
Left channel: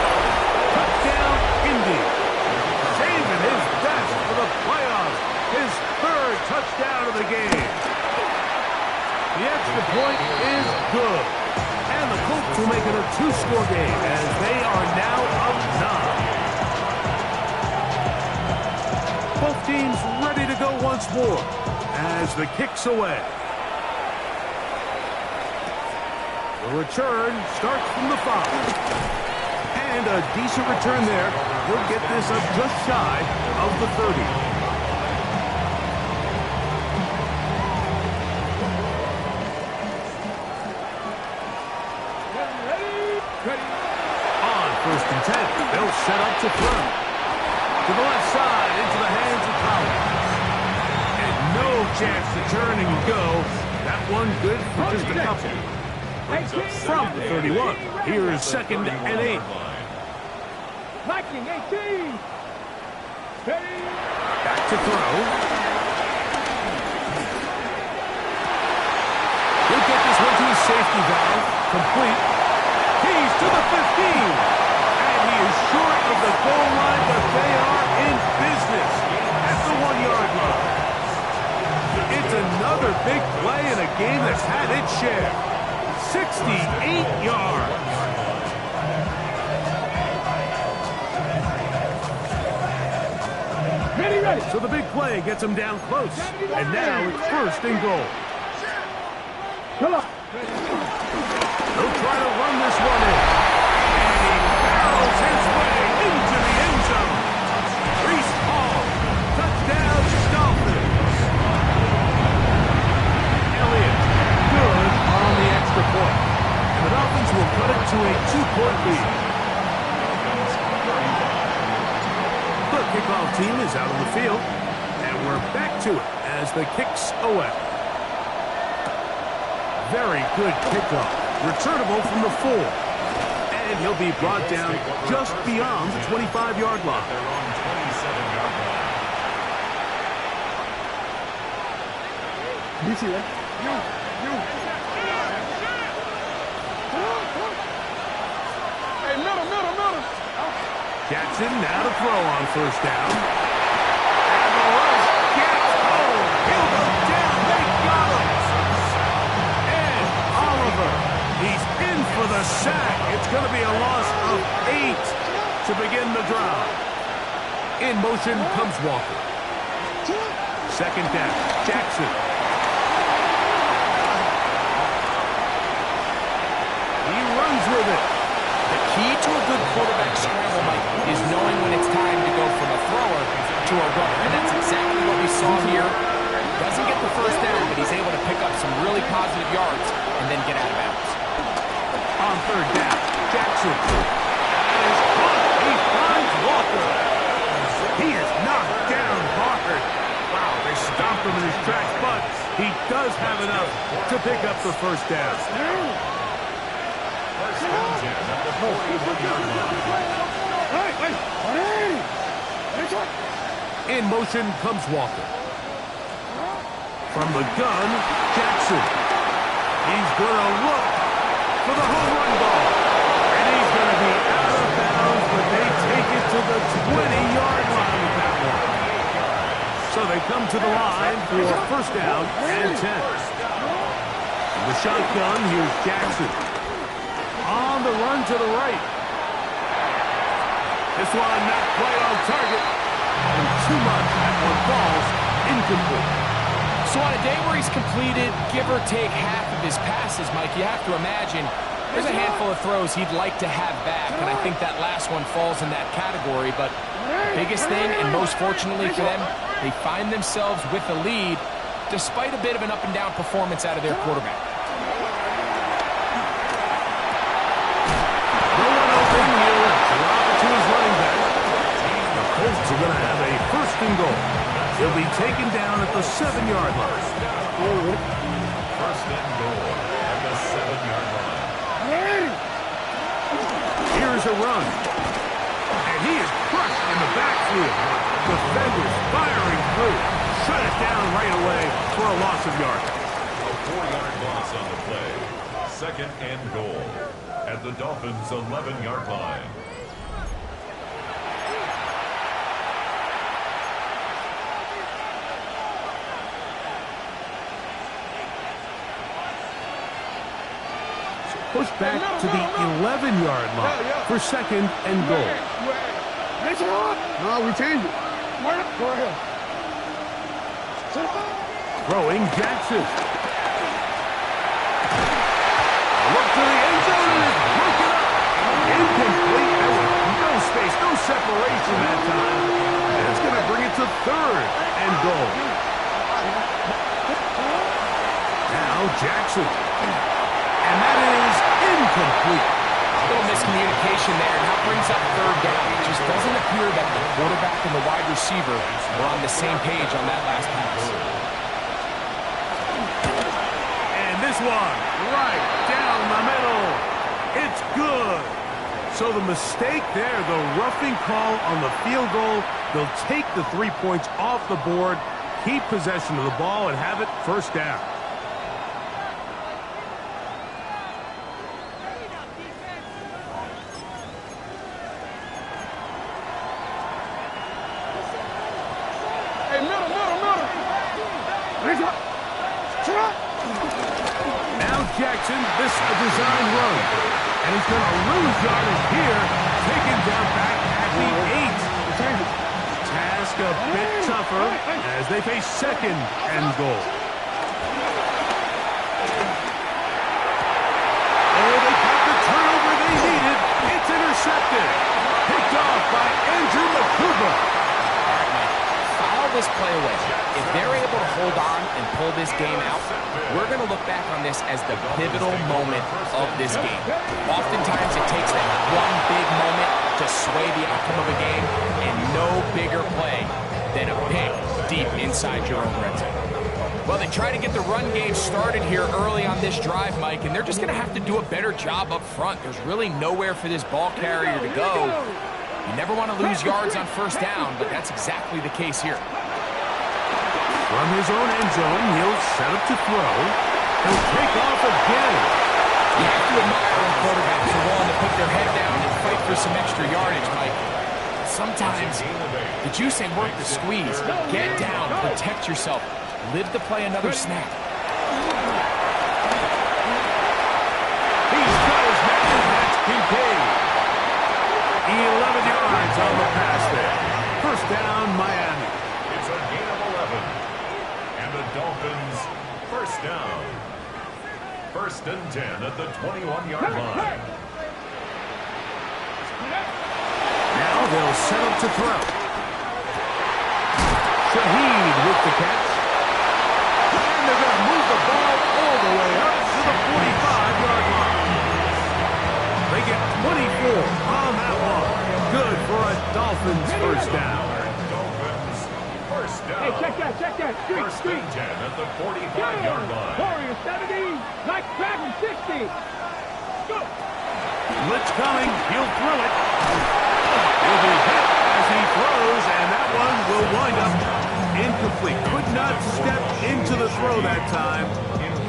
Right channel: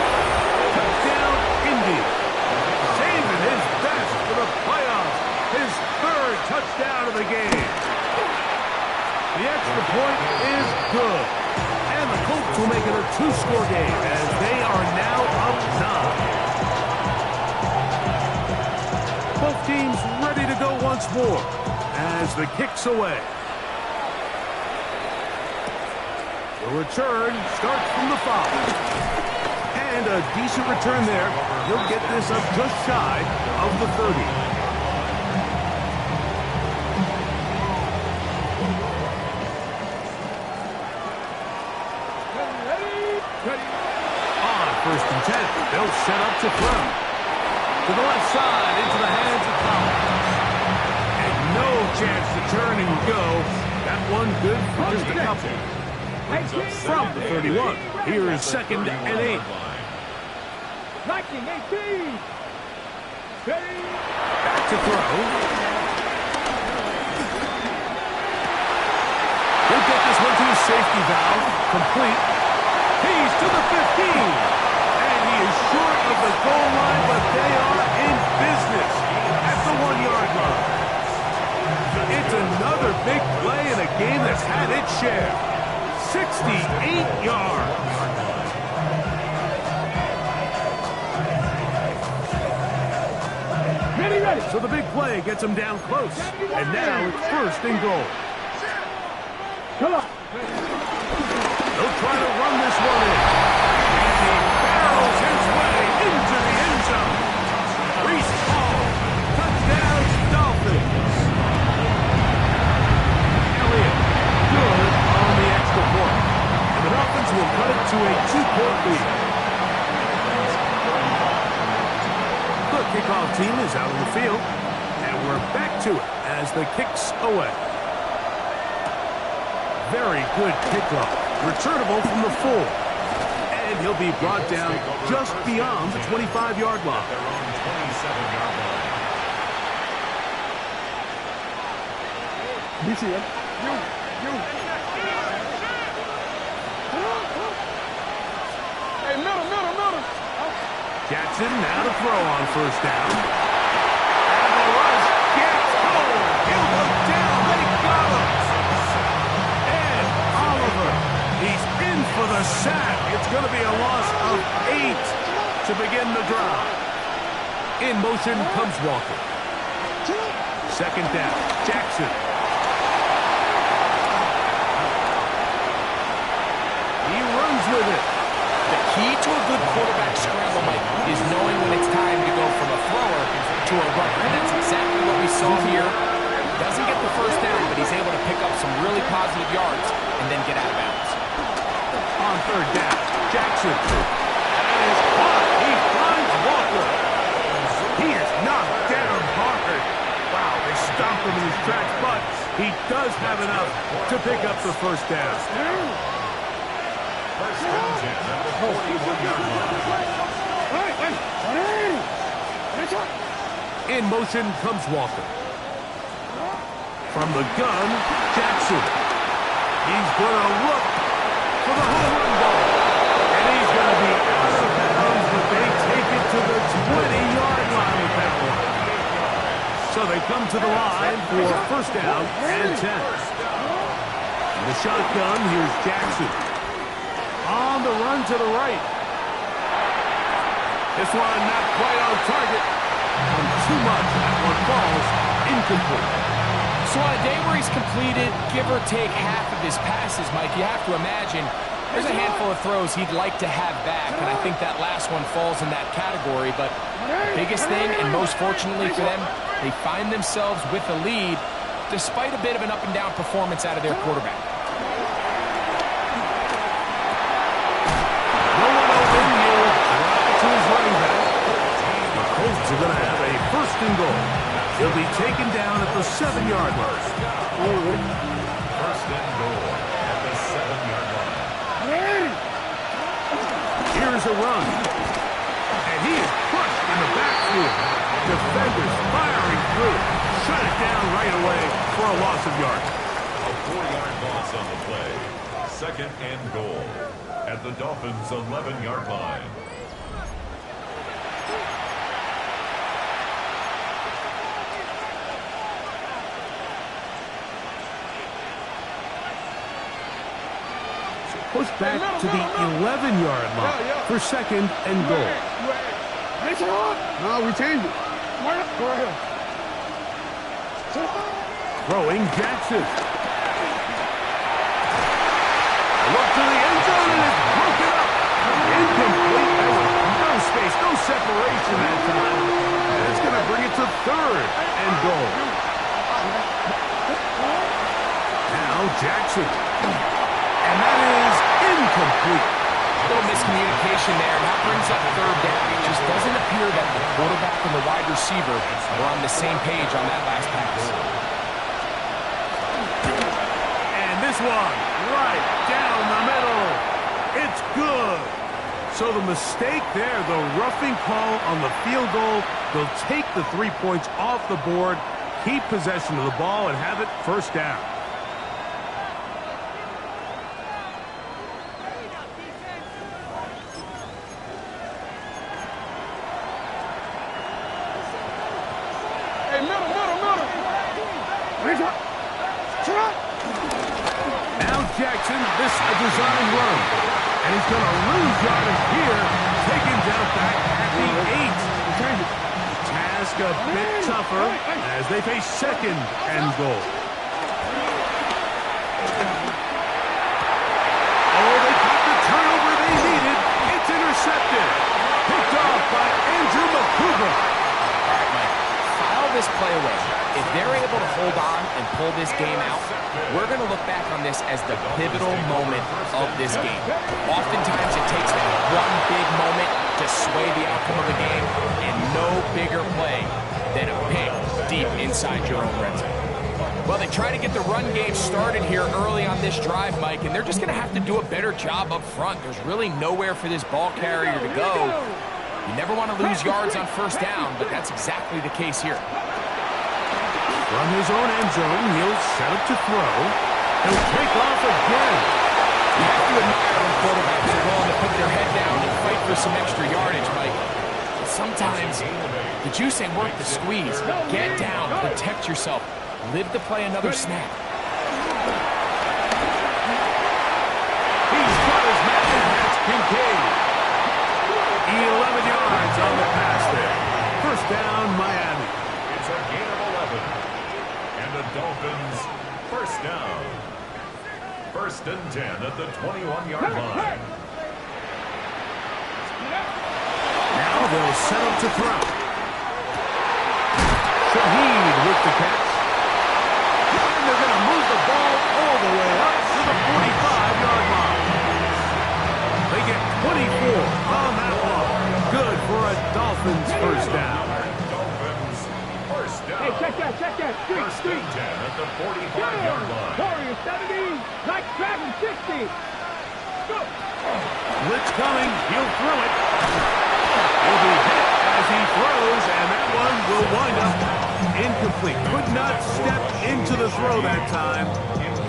Touchdown, Indy. Saving his best for the playoffs. His 3rd touchdown of the game. The extra point is good. And the Colts will make it a 2-score game as they are now up 9. Both teams ready to go once more as the kick's away. The return starts from the 5. And a decent return there. He'll get this up just shy of the 30. On first and 10, they'll set up to throw. To the left side, into the hands of Collins. And no chance to turn and go. That one good for just a couple. From the 31, here is 2nd and 8. Viking 18. Back to throw. He'll get this one to his safety valve. Complete. He's to the 15. And he is short of the goal line, but they are in business at the 1-yard line. It's another big play in a game that's had its share. 68 yards. Ready. So the big play gets him down close. And now it's 1st and goal. Come on. They'll try to run this one in. And he barrels his way into the end zone. Reese Hall. Touchdown, Dolphins. Elliott. Good on the extra point. And the Dolphins will cut it to a 2-point lead. The kickoff team is out on the field. And we're back to it as the kick's away. Very good kickoff. Returnable from the 4. And he'll be brought down just beyond the 25-yard line. Their own 27-yard line. You see it? You. Hey, middle. Jackson now to throw on first down. And the rush gets home. He'll go down. They got him. And Oliver, he's in for the sack. It's going to be a loss of 8 to begin the drive. In motion comes Walker. 2nd down, Jackson. He runs with it. The key to a good quarterback scramble, Mike, is knowing when it's time to go from a thrower to a runner. And that's exactly what we saw here. Doesn't get the first down, but he's able to pick up some really positive yards and then get out of bounds. On 3rd down, Jackson. That is caught. He finds Walker. He is knocked down hard. Wow, they stomped him in his tracks, but he does have enough to pick up the first down. First and 10 at the 41-yard line. In motion comes Walker. From the gun, Jackson. He's going to look for the home run ball. And he's going to be out of bounds, but they take it to the 20-yard line with that one. So they come to the line for first down and 10. In the shotgun, here's Jackson. On the run to the right. This one not quite on target. And too much. That one falls incomplete. So on a day where he's completed, give or take half of his passes, Mike, you have to imagine there's a handful of throws he'd like to have back, and I think that last one falls in that category. But the biggest thing, and most fortunately for them, they find themselves with the lead despite a bit of an up-and-down performance out of their quarterback. No one open. He'll drop it to his running back. The Colts are going to have a first and goal. He'll be taken down at the 7-yard line. First and goal at the 7-yard line. Here's a run. And he is crushed in the backfield. Defenders firing through. Shut it down right away for a loss of yardage. A 4-yard loss on the play. Second and goal at the Dolphins' 11-yard line. Push back to the 11-yard line for second and goal. No, we changed it. Go ahead. Throwing Jackson. A look to the end zone and it's broken up. Incomplete. There was no space, no separation that time. And it's going to bring it to third and goal. Now Jackson. And that is incomplete. A little miscommunication there, and that brings up third down. It just doesn't appear that the quarterback and the wide receiver were on the same page on that last pass. And this one, right down the middle. It's good. So the mistake there, the roughing call on the field goal, they'll take the 3 points off the board, keep possession of the ball, and have it first down. Now Jackson, this a design run. And he's going to lose yardage here, taken down back at the 8. Task a bit tougher as they face second and goal. Oh, they got the turnover they needed. It's intercepted. Picked off by Andrew Makuba. All right, Mike, file this play away. If they're able to hold on and pull this game out, we're going to look back on this as the pivotal moment of this game. Oftentimes it takes that one big moment to sway the outcome of a game, and no bigger play than a pick deep inside your own red zone. Well, they try to get the run game started here early on this drive, Mike, and they're just going to have to do a better job up front. There's really nowhere for this ball carrier to go. You never want to lose yards on first down, but that's exactly the case here. From his own end zone, he'll set up to throw. He'll take off again. You have to admire when quarterbacks are willing to put their head down and fight for some extra yardage, Mike. Sometimes the juice ain't worth the squeeze. Get down, protect yourself, live to play another snap. He's got his man, and that's Kincaid. 11 yards on the pass there. First down, Miami. It's a gain of 11. And the Dolphins, first down. First and 10 at the 21-yard line. Now they'll set up to throw. Shaheed with the catch. And they're going to move the ball all the way up to the 45-yard line. They get 24 on that one. Good for a Dolphins first down. Dolphins, first down. Hey, check that. First and 10 at the 45-yard line. Warriors 70, like Dragon 60. Go. Blitz coming. He'll throw it. He'll be hit as he throws, and that one will wind up incomplete. Could not step into the throw that time.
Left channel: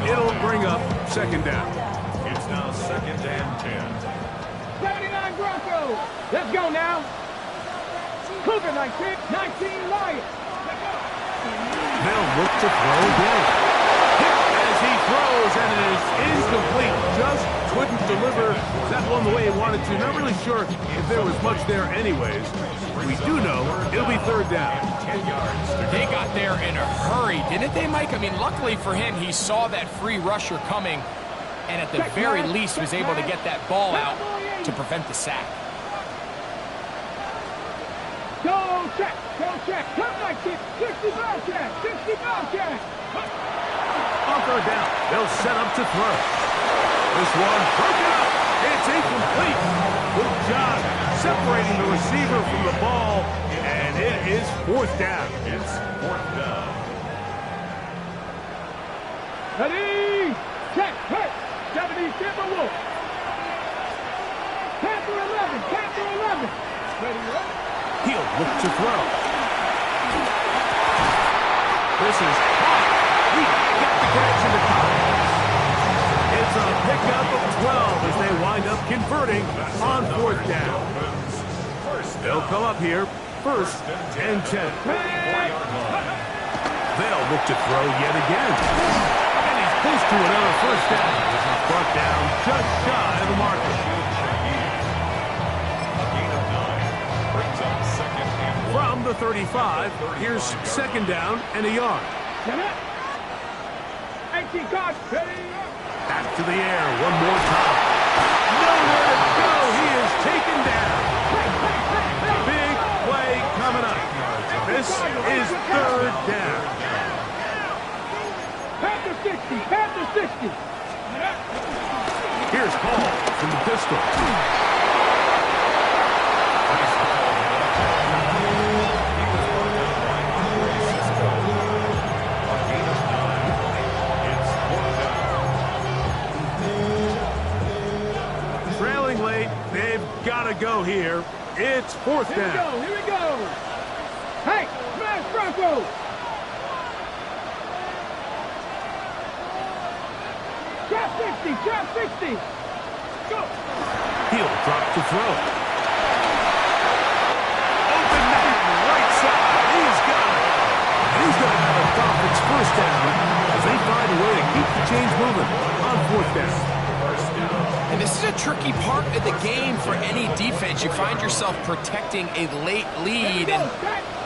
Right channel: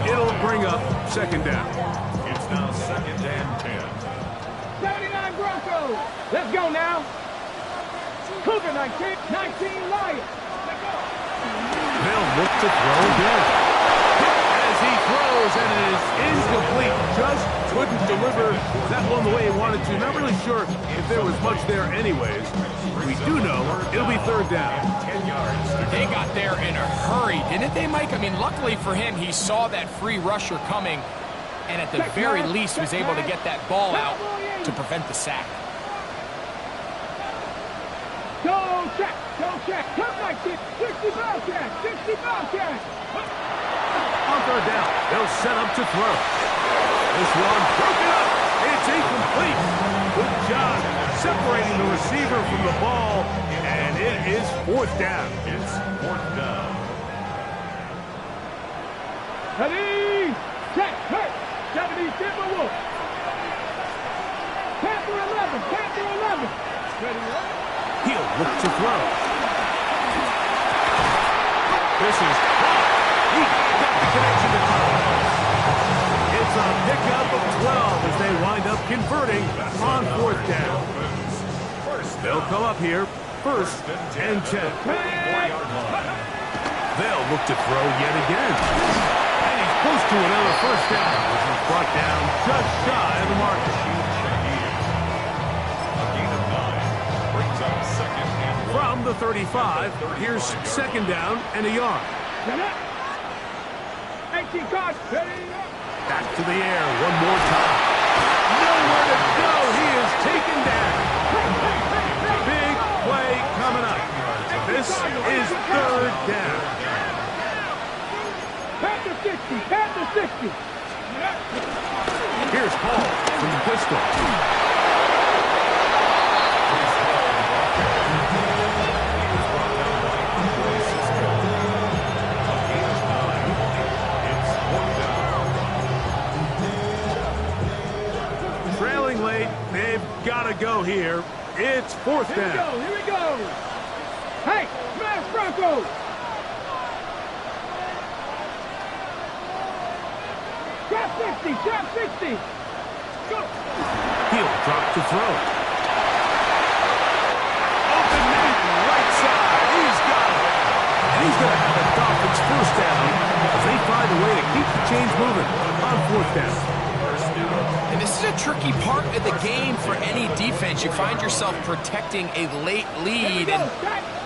It'll bring up second down. It's now second and 10. 79 Broncos. Let's go now. Cougar 19, 19 Lions. They'll look to throw again. Hit as he throws, and it is incomplete. Just couldn't deliver that one the way he wanted to. Not really sure if there was much there anyways. We do know it'll be third down. 10 yards. They got there in a hurry, didn't they, Mike? I mean, luckily for him, he saw that free rusher coming, and at the very least was able to get that ball out to prevent the sack. Go check, come 19, 60 Bobcat, 60 Bobcat. On third down, they'll set up to throw. This one broken up. It's incomplete. Good job separating the receiver from the ball, and it is fourth down. It's fourth down. Ready, check, hurt, 70 Timberwolves. Panther 11, Panther 11. Ready, ready. He'll look to throw. This is hard. He got the connection to Collins. It's a pickup of 12 as they wind up converting on fourth down. They'll come up here, first and 10. They'll look to throw yet again. And he's close to another first down. This is brought down just shy of the marker. A gain of 9 brings up second and 1. From the 35, here's second down and a yard. 18 cards, ready. Back to the air one more time. Nowhere to go. He is taken down. Big play coming up. This is third down. Panther 60, Panther 60. Here's Paul from the pistol. Trailing late, they've got to go here. It's fourth down. Here we go. Hey, smash Bronco. Shot 60, shot 60. Go. He'll drop to throw. Open man, right side. He's got it. And he's going to have a Dolphins first down as they find a way to keep the chains moving on fourth down. And this is a tricky part of the game for any defense. You find yourself protecting a late lead, and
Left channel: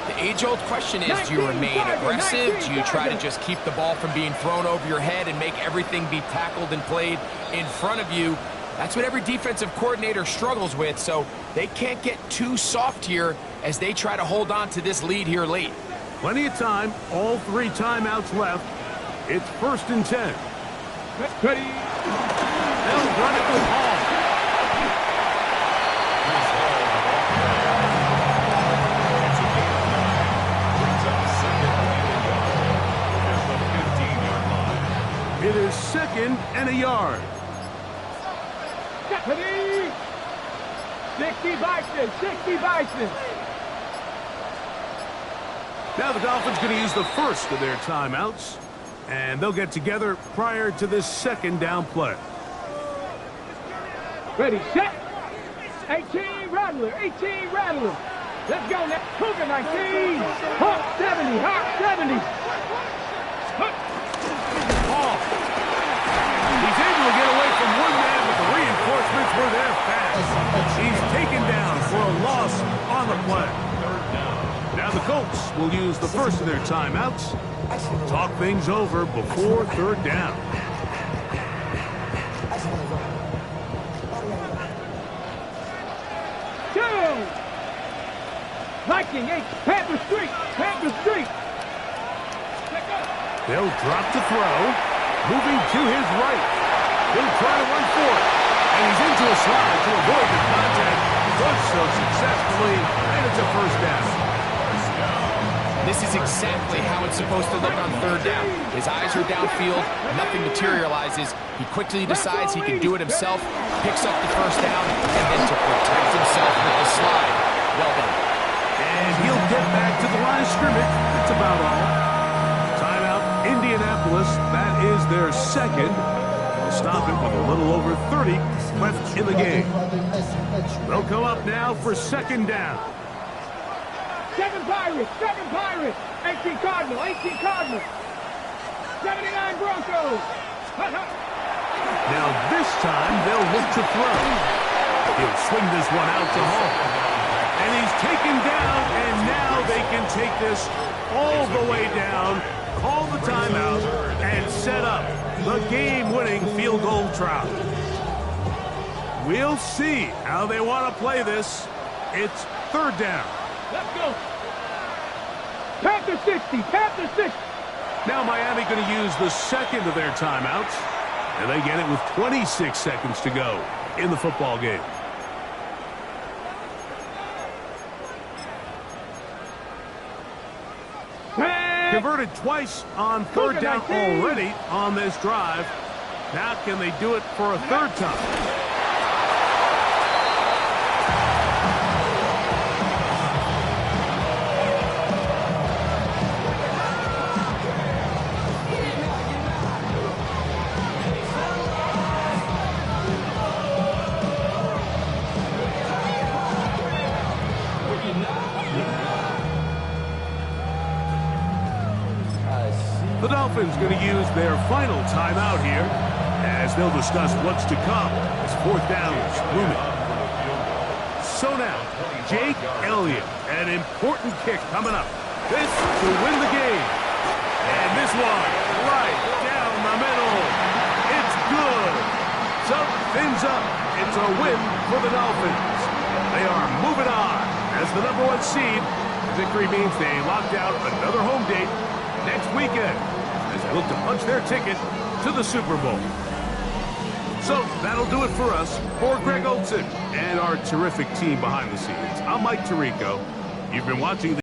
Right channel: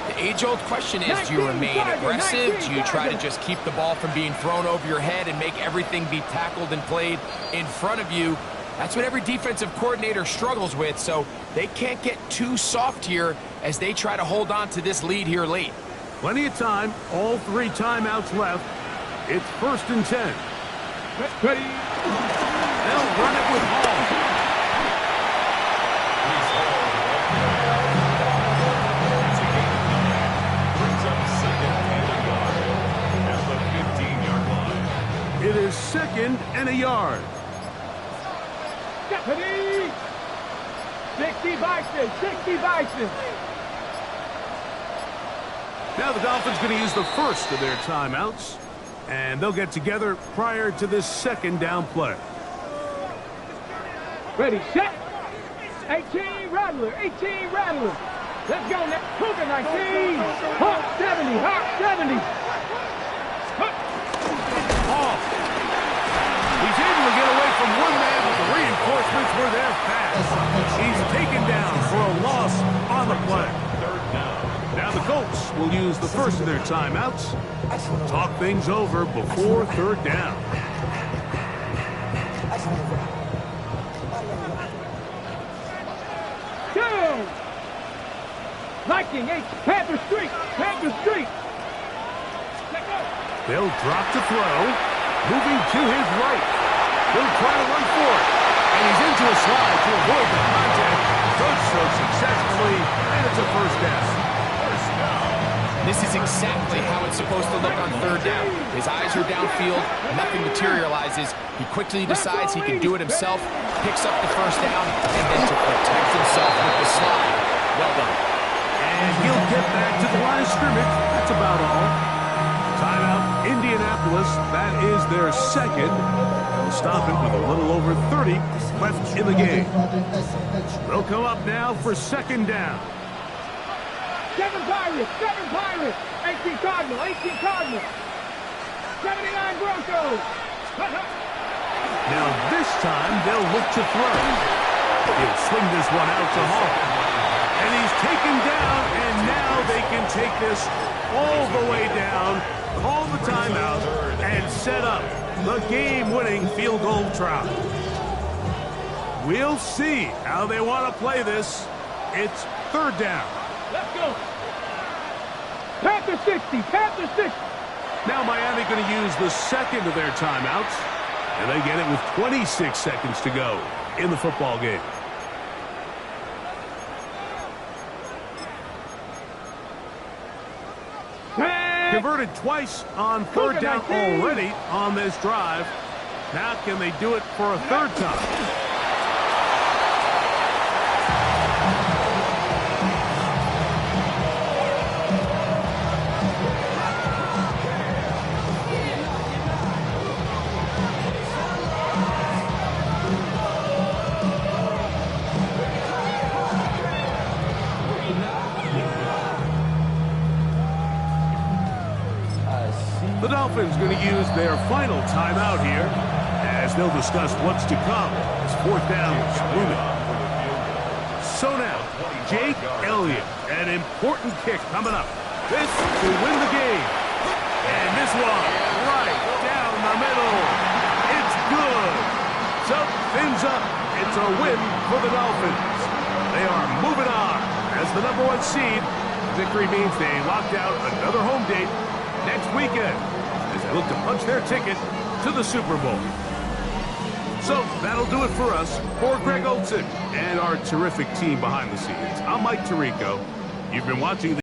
the age-old question is, do you remain aggressive? Do you try to just keep the ball from being thrown over your head and make everything be tackled and played in front of you? That's what every defensive coordinator struggles with, so they can't get too soft here as they try to hold on to this lead here late. Plenty of time, all 3 timeouts left. It's first and 10. Ready. They'll run it with Hall. It's a gain of 9. Brings up second and a yard at the 15-yard line. It is second and a yard. Ready. 60 Bison, 60 Bison. Now the Dolphins going to use the first of their timeouts, and they'll get together prior to this second down play. Ready, set. 18 Rattler, 18 Rattler. Let's go now. Cougar 19. Hawk 70, Hawk 70. Hall. He's able to get away from one man, but the reinforcements were there fast. He's taken down for a loss on the play. Third down. Now the Colts will use the first of their timeouts. Talk things over before third down. Go! Viking 8, Panther Street, Panther Street. They'll drop to throw. Moving to his right. He'll try to run for it. And he's into a slide to avoid the contact. Does so successfully, and it's a first down. This is exactly how it's supposed to look on third down. His eyes are downfield, nothing materializes. He quickly decides he can do it himself, picks up the first down, and then to protect himself with the slide. Well done. And he'll get back to the line of scrimmage. That's about all. Timeout, Indianapolis. That is their second. They'll stop it with a little over 30 left in the game. They'll come up now for second down. 7 Pirates, 7 Pirates. 18 Cardinal, 18 Cardinal. 79 Broncos. Now this time they'll look to throw. He'll swing this one out to Hall. And he's taken down, and now they can take this all the way down, call the timeout, and set up the game-winning field goal try. We'll see how they want to play this. It's 3rd down. Let's go. Panther 60, Panther 60. Now Miami going to use the second of their timeouts, and they get it with 26 seconds to go in the football game. Converted twice on 3rd down already on this drive. Now can they do it for a 3rd time? The Dolphins going to use their final timeout here as they'll discuss what's to come as 4th down is looming. So now, Jake Elliott, an important kick coming up. This to win the game. And this one right down the middle. It's good. So, fins up. It's a win for the Dolphins. They are moving on as the #1 seed. The victory means they locked out another home date next weekend as they look to punch their ticket to the Super Bowl. So that'll do it for us. For Greg Olson and our terrific team behind the scenes, I'm Mike Tirico. You've been watching